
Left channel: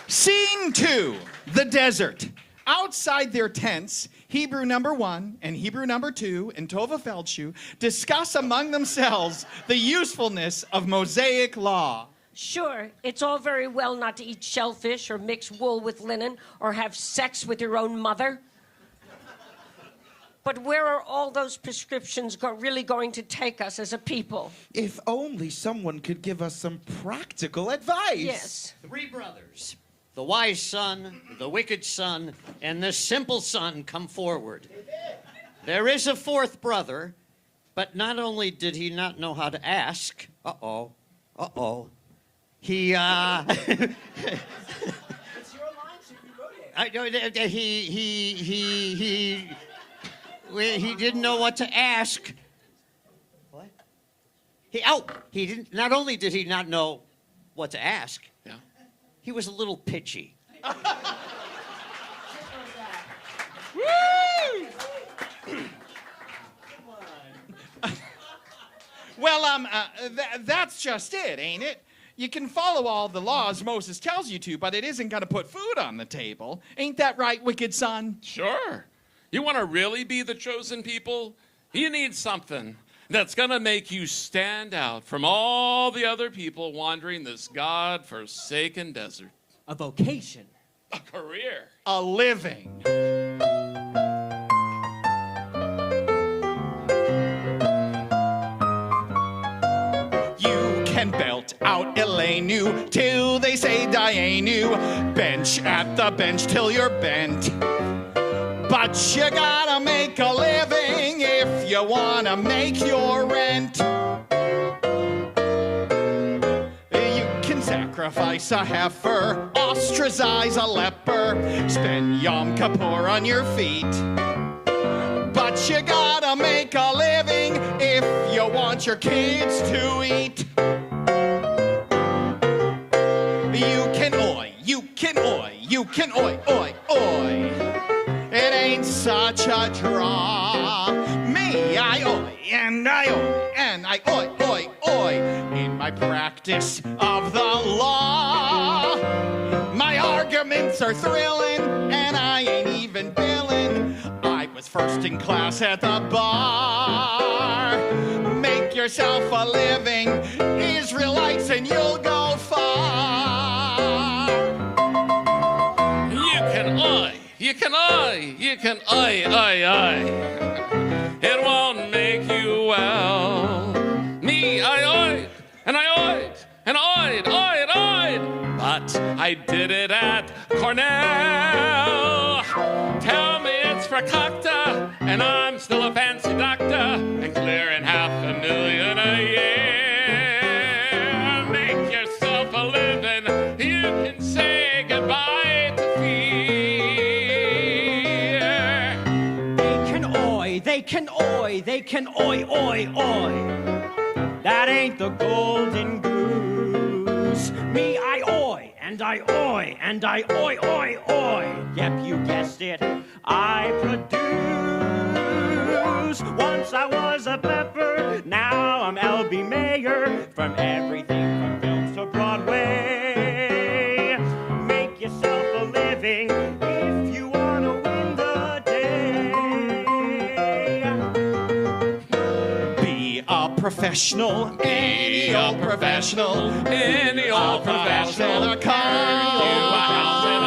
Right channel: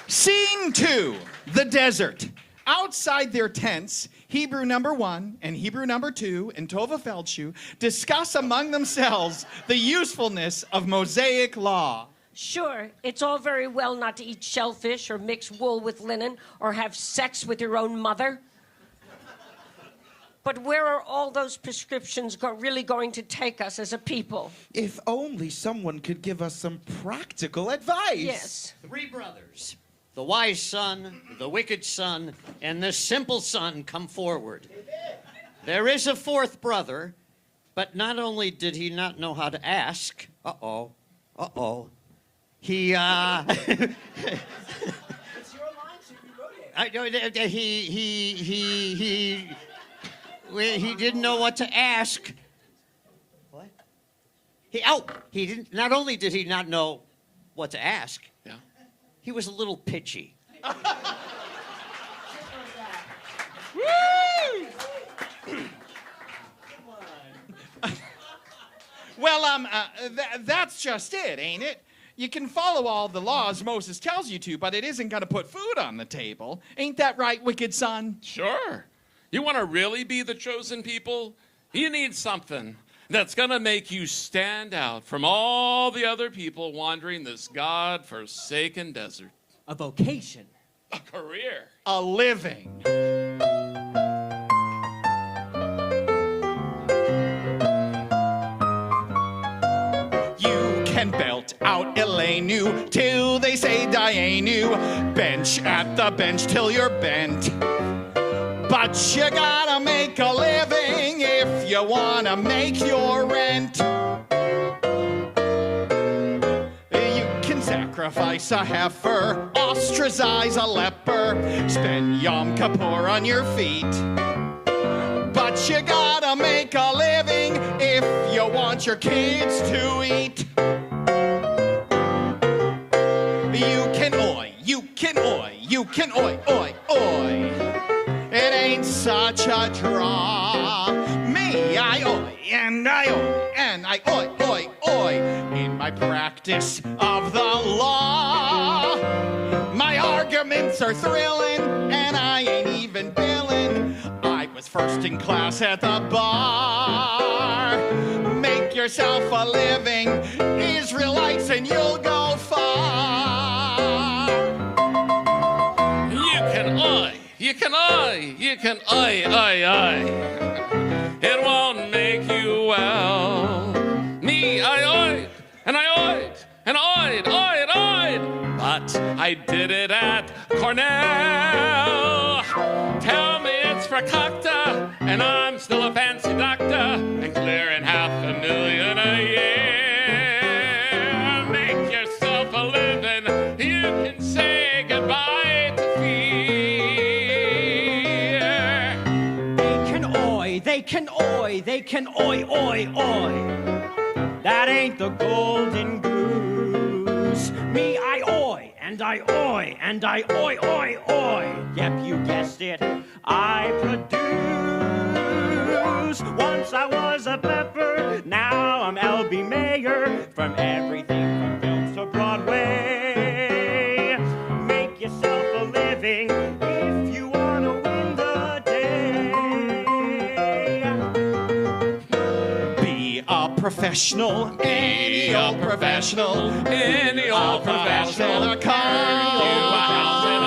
Scene 2, the desert. Outside their tents, Hebrew number 1 and Hebrew number 2 and Tovah Feldshuh discuss among themselves the usefulness of Mosaic law. Sure, it's all very well not to eat shellfish or mix wool with linen or have sex with your own mother. But where are all those prescriptions really going to take us as a people? If only someone could give us some practical advice. Yes. 3 brothers. The wise son, the wicked son, and the simple son come forward. There is a 4th brother, but not only did he not know how to ask, he, he didn't know what to ask. What? He didn't, not only did he not know what to ask, he was a little pitchy. Well, that's just it, ain't it? You can follow all the laws Moses tells you to, but it isn't going to put food on the table. Ain't that right, wicked son? Sure. You want to really be the chosen people? You need something that's going to make you stand out from all the other people wandering this God-forsaken desert. A vocation. A career. A living. You can belt out Elenu till they say Dianu. Bench at the bench till you're bent. But you gotta make a living if you wanna make your rent. You can sacrifice a heifer, ostracize a leper, spend Yom Kippur on your feet. But you gotta make a living if you want your kids to eat. You can oi, you can oi, you can oi, oi, oi. It ain't such a draw. Me, I oi, and I oi, and I oi, oi, oi. In my practice of the law, my arguments are thrilling, and I ain't even billing. I was first in class at the bar. Make yourself a living, Israelites, and you'll go far. You can oi. You can oi, you can oi. It won't make you well. Me, I oid, and I oid, and oid. But I did it at Cornell. Tell me it's for Cocta, and I'm still a fancy doctor, and clearing $500,000 a year. Make yourself a living, you can say goodbye to They can oi. That ain't the golden goose. Me, I oi, and I oi, and I oi. Yep, you guessed it, I produce. Once I was a pepper, now I'm LB Mayer. From everything from films to Broadway. Make yourself a living if you want to win the day. Professional, any old professional, any old professional, a car, a house and a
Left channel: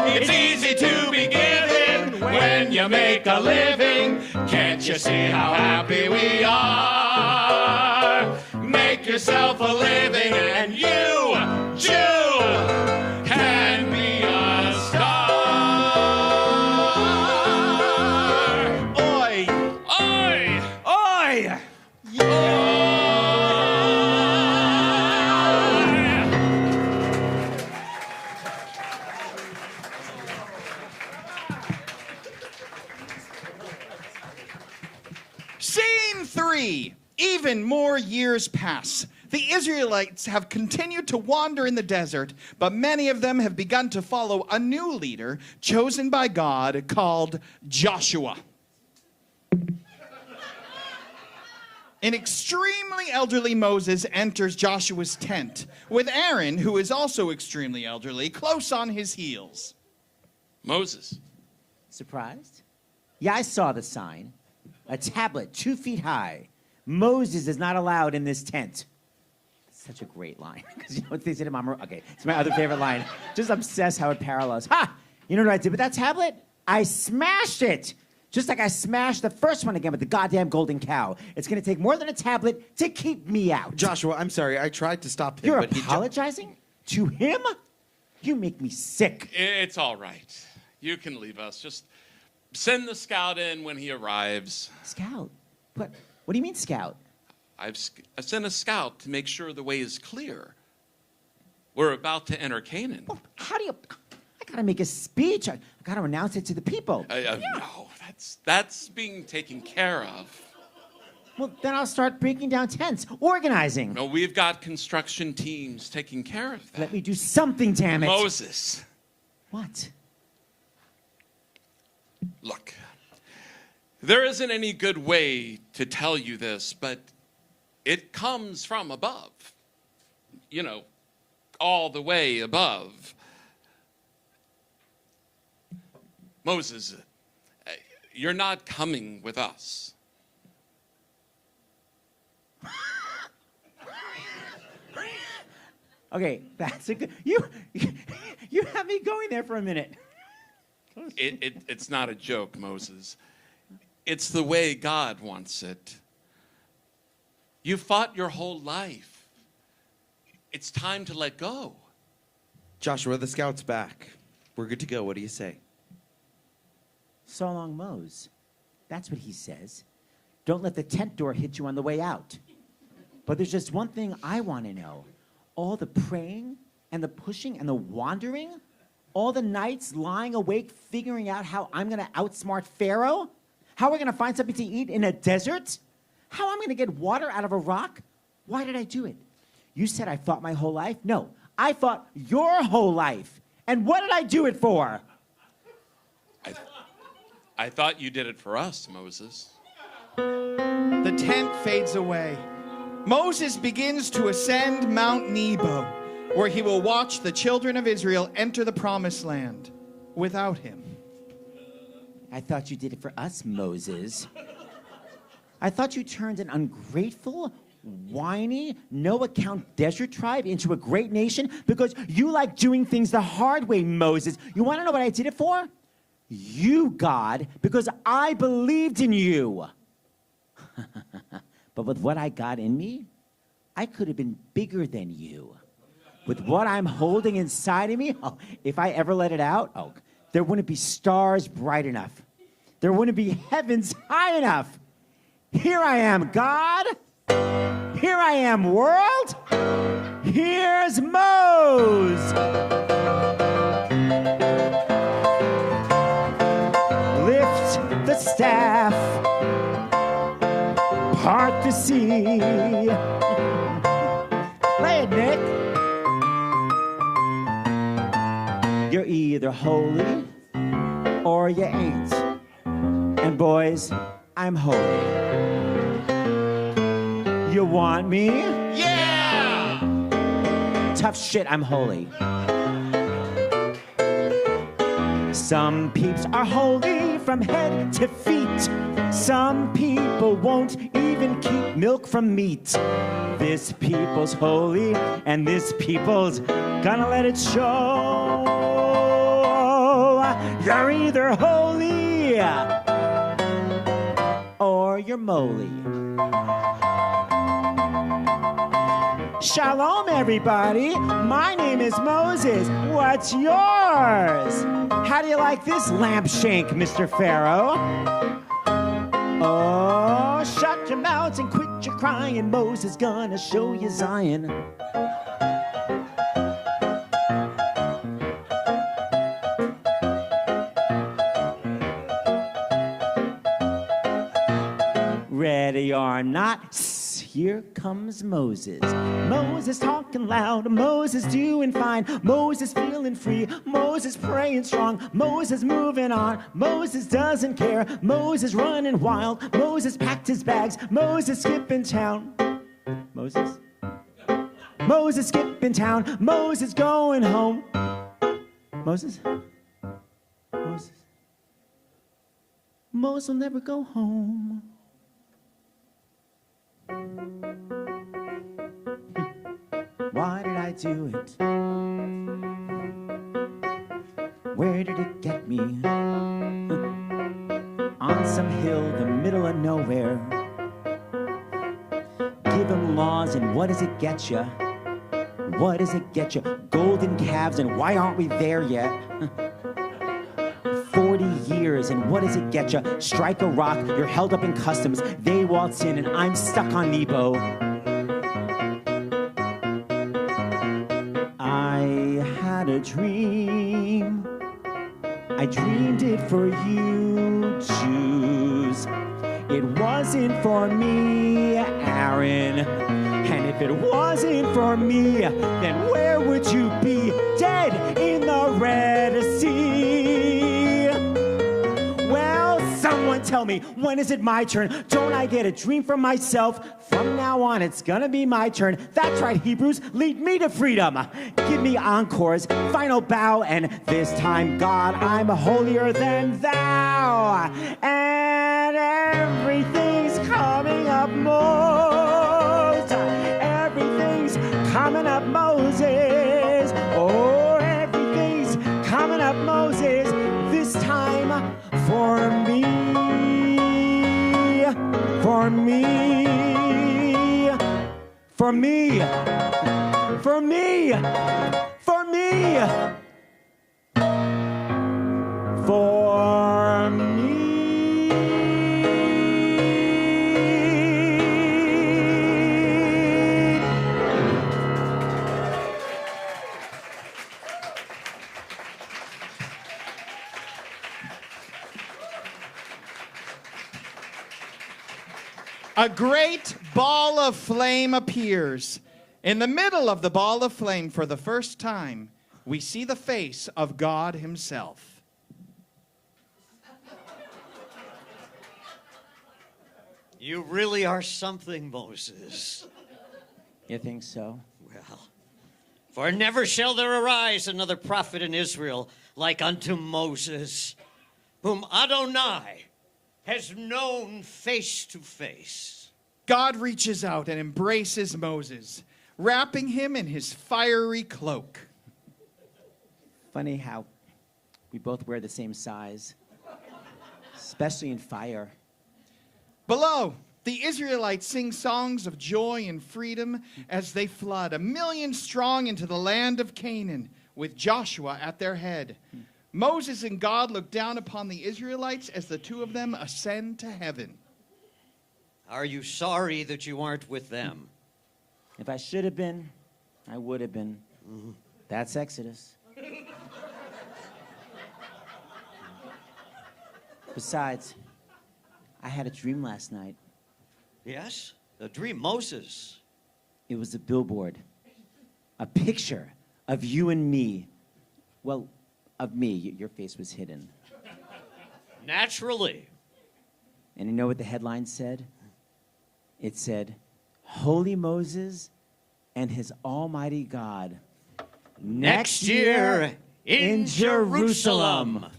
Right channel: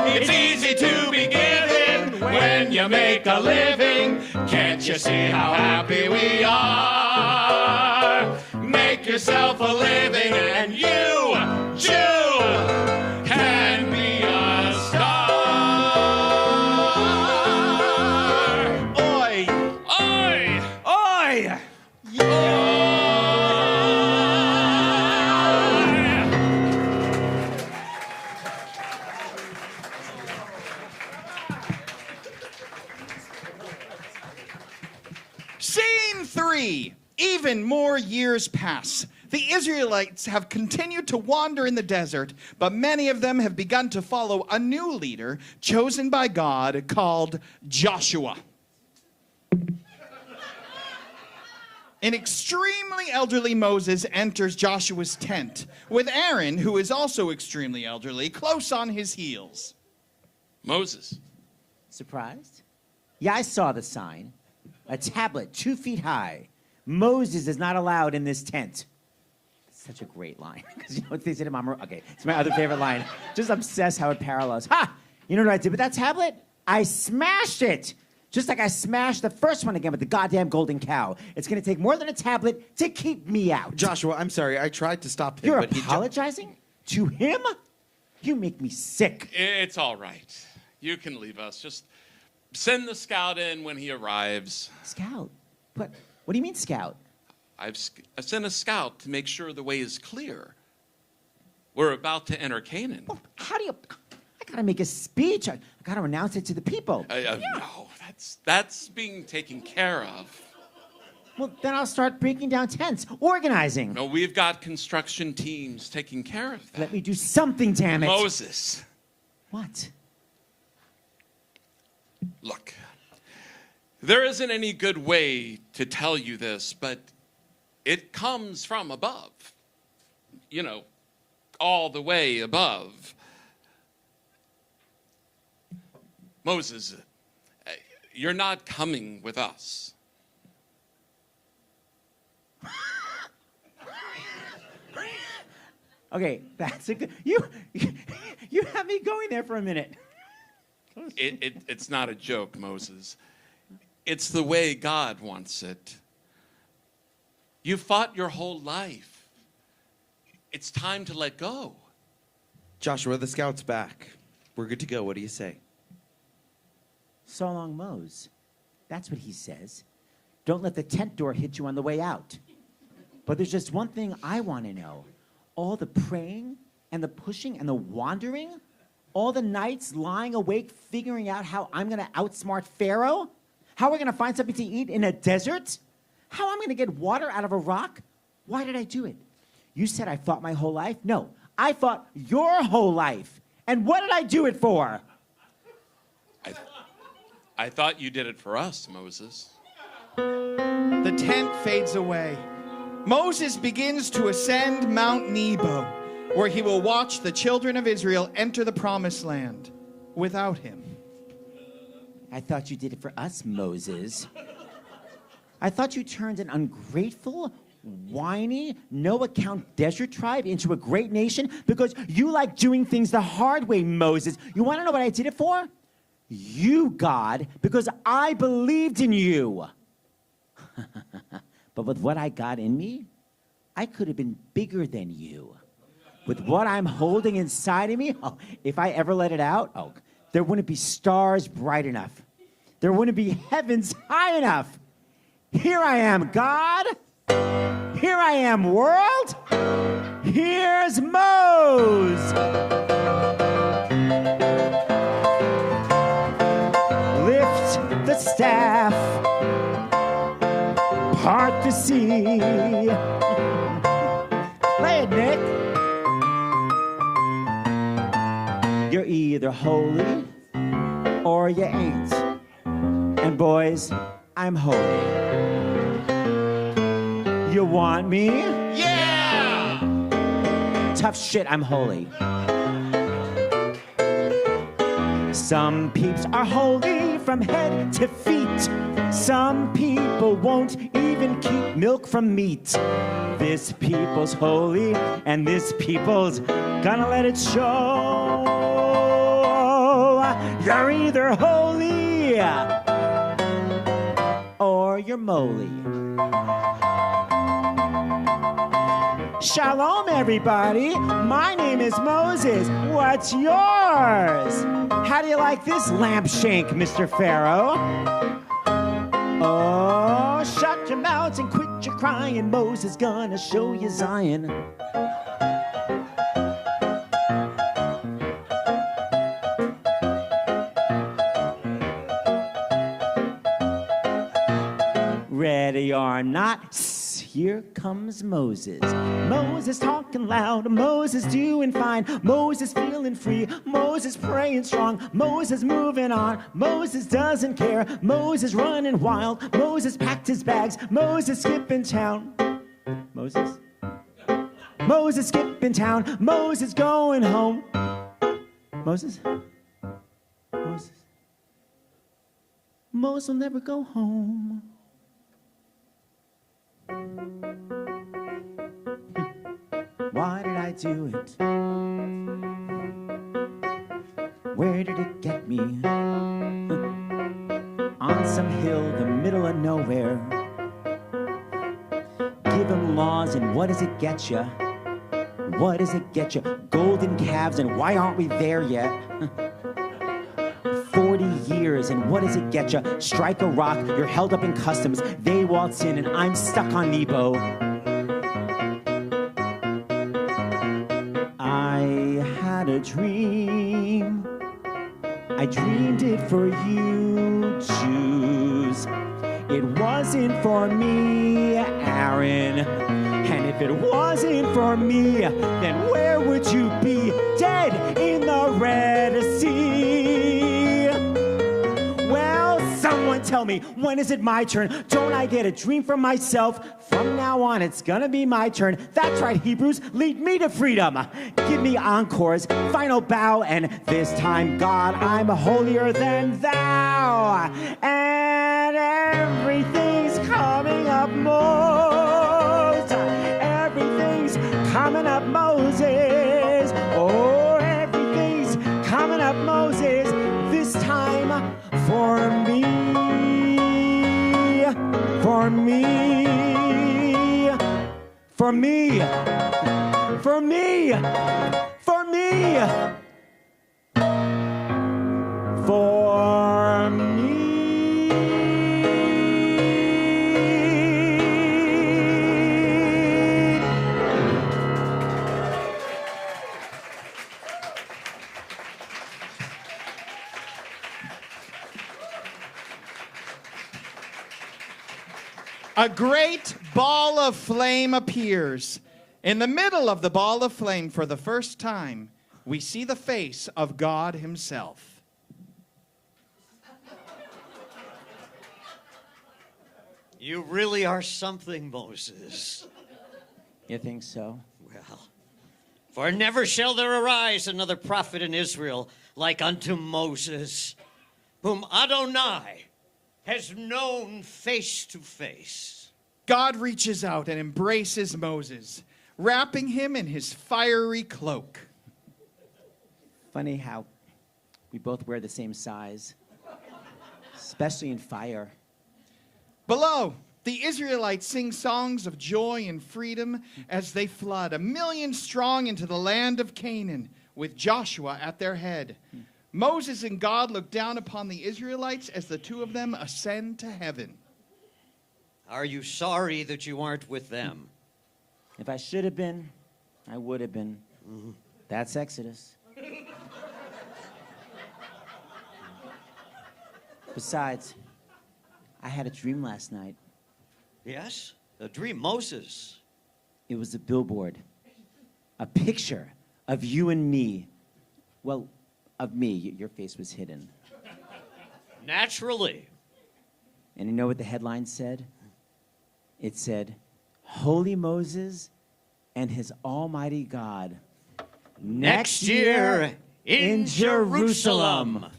car. It's easy to be given when you make a living. Can't you see how happy we are? Make yourself a living and you, Jule, can be a star. Scene 3. Even more years pass. The Israelites have continued to wander in the desert, but many of them have begun to follow a new leader chosen by God called Joshua. An extremely elderly Moses enters Joshua's tent, with Aaron, who is also extremely elderly, close on his heels. Moses. Surprised? Yeah, I saw the sign. A tablet 2 feet high. Moses is not allowed in this tent. Such a great line. Because you know what they said to Mama? Okay, it's my other favorite line. Just obsessed how it parallels. Ha! You know what I did with that tablet? I smashed it. Just like I smashed the first one again with the goddamn golden cow. It's going to take more than a tablet to keep me out. Joshua, I'm sorry. I tried to stop him. You're but apologizing? To him? You make me sick. It's all right. You can leave us. Just send the scout in when he arrives. Scout? What do you mean scout? I've sent a scout to make sure the way is clear. We're about to enter Canaan. Well, how do you... I got to make a speech. I got to announce it to the people. No, that's being taken care of. Well, then I'll start breaking down tents, organizing. No, we've got construction teams taking care of that. Let me do something, damn it. Moses. What? Look, there isn't any good way to tell you this, but it comes from above. You know, all the way above. Moses, you're not coming with us. Okay, that's a good... You have me going there for a minute. It's not a joke, Moses. It's the way God wants it. You fought your whole life. It's time to let go. Joshua, the scout's back. We're good to go. What do you say? So long, Mose. That's what he says. Don't let the tent door hit you on the way out. But there's just one thing I want to know. All the praying and the pushing and the wandering, all the nights lying awake figuring out how I'm going to outsmart Pharaoh, how we're going to find something to eat in a desert, how I'm going to get water out of a rock. Why did I do it? You said I fought my whole life? No, I fought your whole life. And what did I do it for? I thought you did it for us, Moses. The tent fades away. Moses begins to ascend Mount Nebo, where he will watch the children of Israel enter the promised land without him. I thought you did it for us, Moses. I thought you turned an ungrateful, whiny, no-account desert tribe into a great nation because you like doing things the hard way, Moses. You want to know what I did it for? You, God, because I believed in you. But with what I got in me, I could have been bigger than you. With what I'm holding inside of me, if I ever let it out, there wouldn't be stars bright enough. There wouldn't be heavens high enough. Here I am, God. Here I am, world. Here's Mose. Lift the staff. Part the sea. Play it, Nick. You're either holy or you ain't. And boys, I'm holy. You want me? Yeah! Tough shit, I'm holy. Some peeps are holy from head to feet. Some people won't even keep milk from meat. This people's holy, and this people's gonna let it show. You're either holy or you're moly. Shalom, everybody. My name is Moses. What's yours? How do you like this lamp shank, Mr. Pharaoh? Oh, shut your mouths and quit your crying. Moses gonna show you Zion. Ready or not, here comes Moses. Moses talking loud, Moses doing fine, Moses feeling free, Moses praying strong, Moses moving on, Moses doesn't care, Moses running wild, Moses packed his bags, Moses skipping town. Moses skipping town, Moses going home. Moses will never go home. Why did I do it? Where did it get me? On some hill, the middle of nowhere. Give him laws, and what does it get ya? What does it get ya? Golden calves, and why aren't we there yet? 40 years, and what does it get ya? Strike a rock, you're held up in customs. They waltz in, and I'm stuck on Nebo. I had a dream. I dreamed it for you, Jews. It wasn't for me, Aaron. And if it wasn't for me, then where would you be? Dead in the Red Sea. Well, someone tell me, when is it my turn? Don't I get a dream for myself? From now on, it's gonna be my turn. That's right, Hebrews, lead me to freedom. Give me encores, final bow, and this time, God, I'm holier than thou. And everything's coming up, everything's coming up, Moses. Oh, everything's coming up, Moses. This time for me, for me, for me, for me, for me, for me. A great ball of flame appears. In the middle of the ball of flame, for the first time, we see the face of God himself. You really are something, Moses. You think so? Well, for never shall there arise another prophet in Israel like unto Moses, whom Adonai has known face to face. God reaches out and embraces Moses, wrapping him in his fiery cloak. Funny how we both wear the same size, especially in fire. Below, the Israelites sing songs of joy and freedom as they flood 1,000,000 strong into the land of Canaan, with Joshua at their head. Moses and God look down upon the Israelites as the two of them ascend to heaven. Are you sorry that you aren't with them? If I should have been, I would have been. That's Exodus. Besides, I had a dream last night. Yes? A dream, Moses. It was a billboard. A picture of you and me. Well, of me. Your face was hidden. Naturally. And you know what the headline said? It said, Holy Moses and his almighty God. Next year in Jerusalem.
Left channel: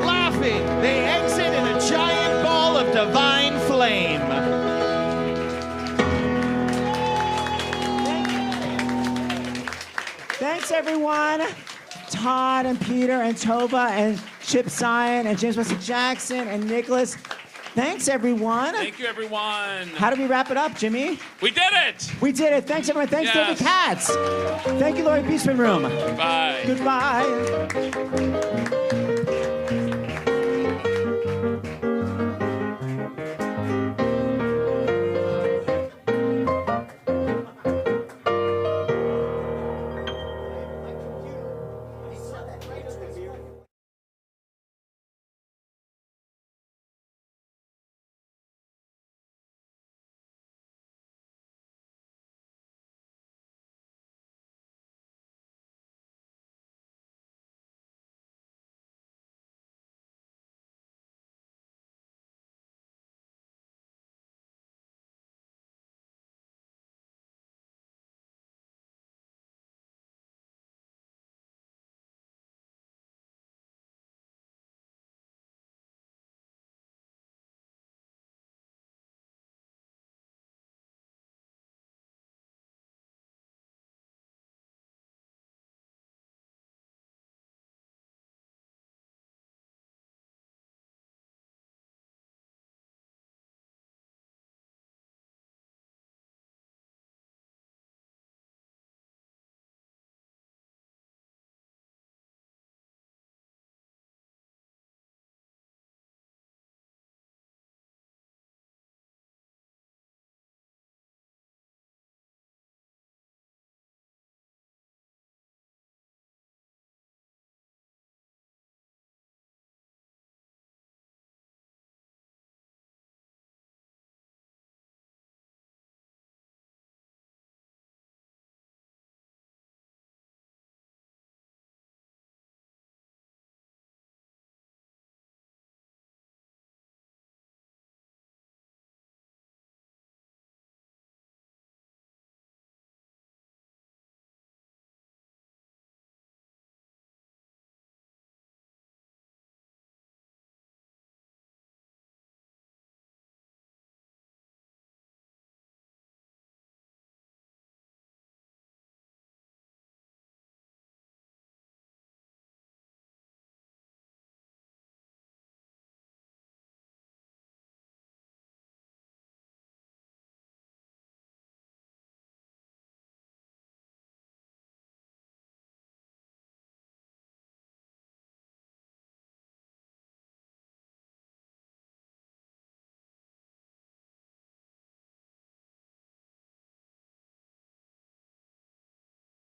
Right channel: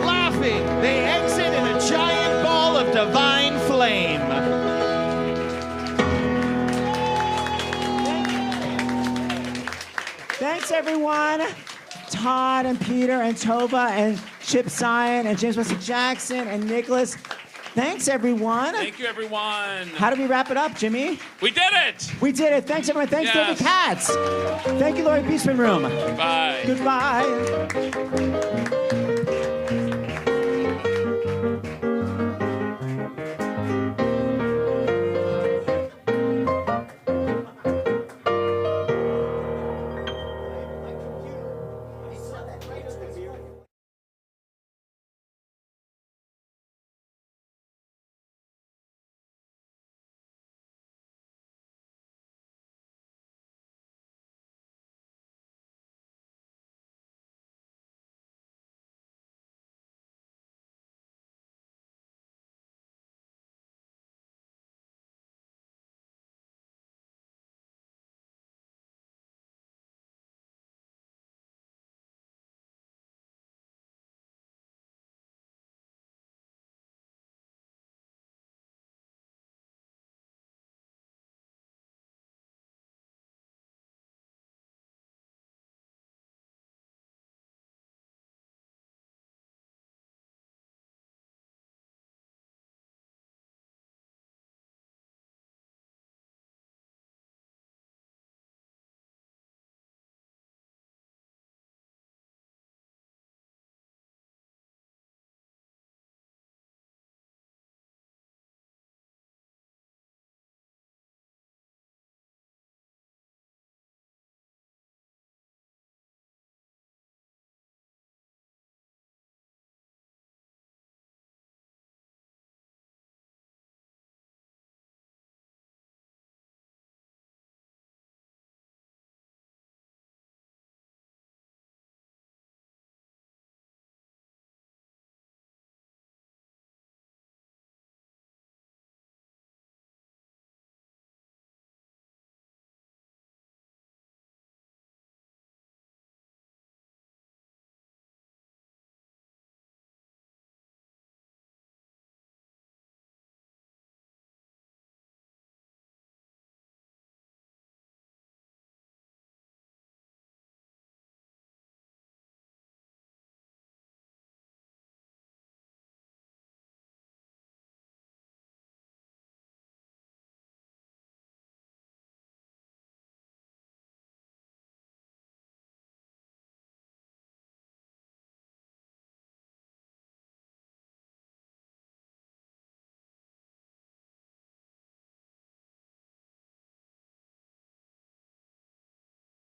Laughing, they exit in a giant ball of divine flame. Thanks, everyone. Todd and Peter and Tovah and GYPSY and James Wesley Jackson and Nicholas. Thanks, everyone. Thank you, everyone. How do we wrap it up, Jimmy? We did it. We did it. Thanks, everyone. Thanks, Yes. David Katz. Thank you, Laurie, Beechman Room. Bye. Goodbye.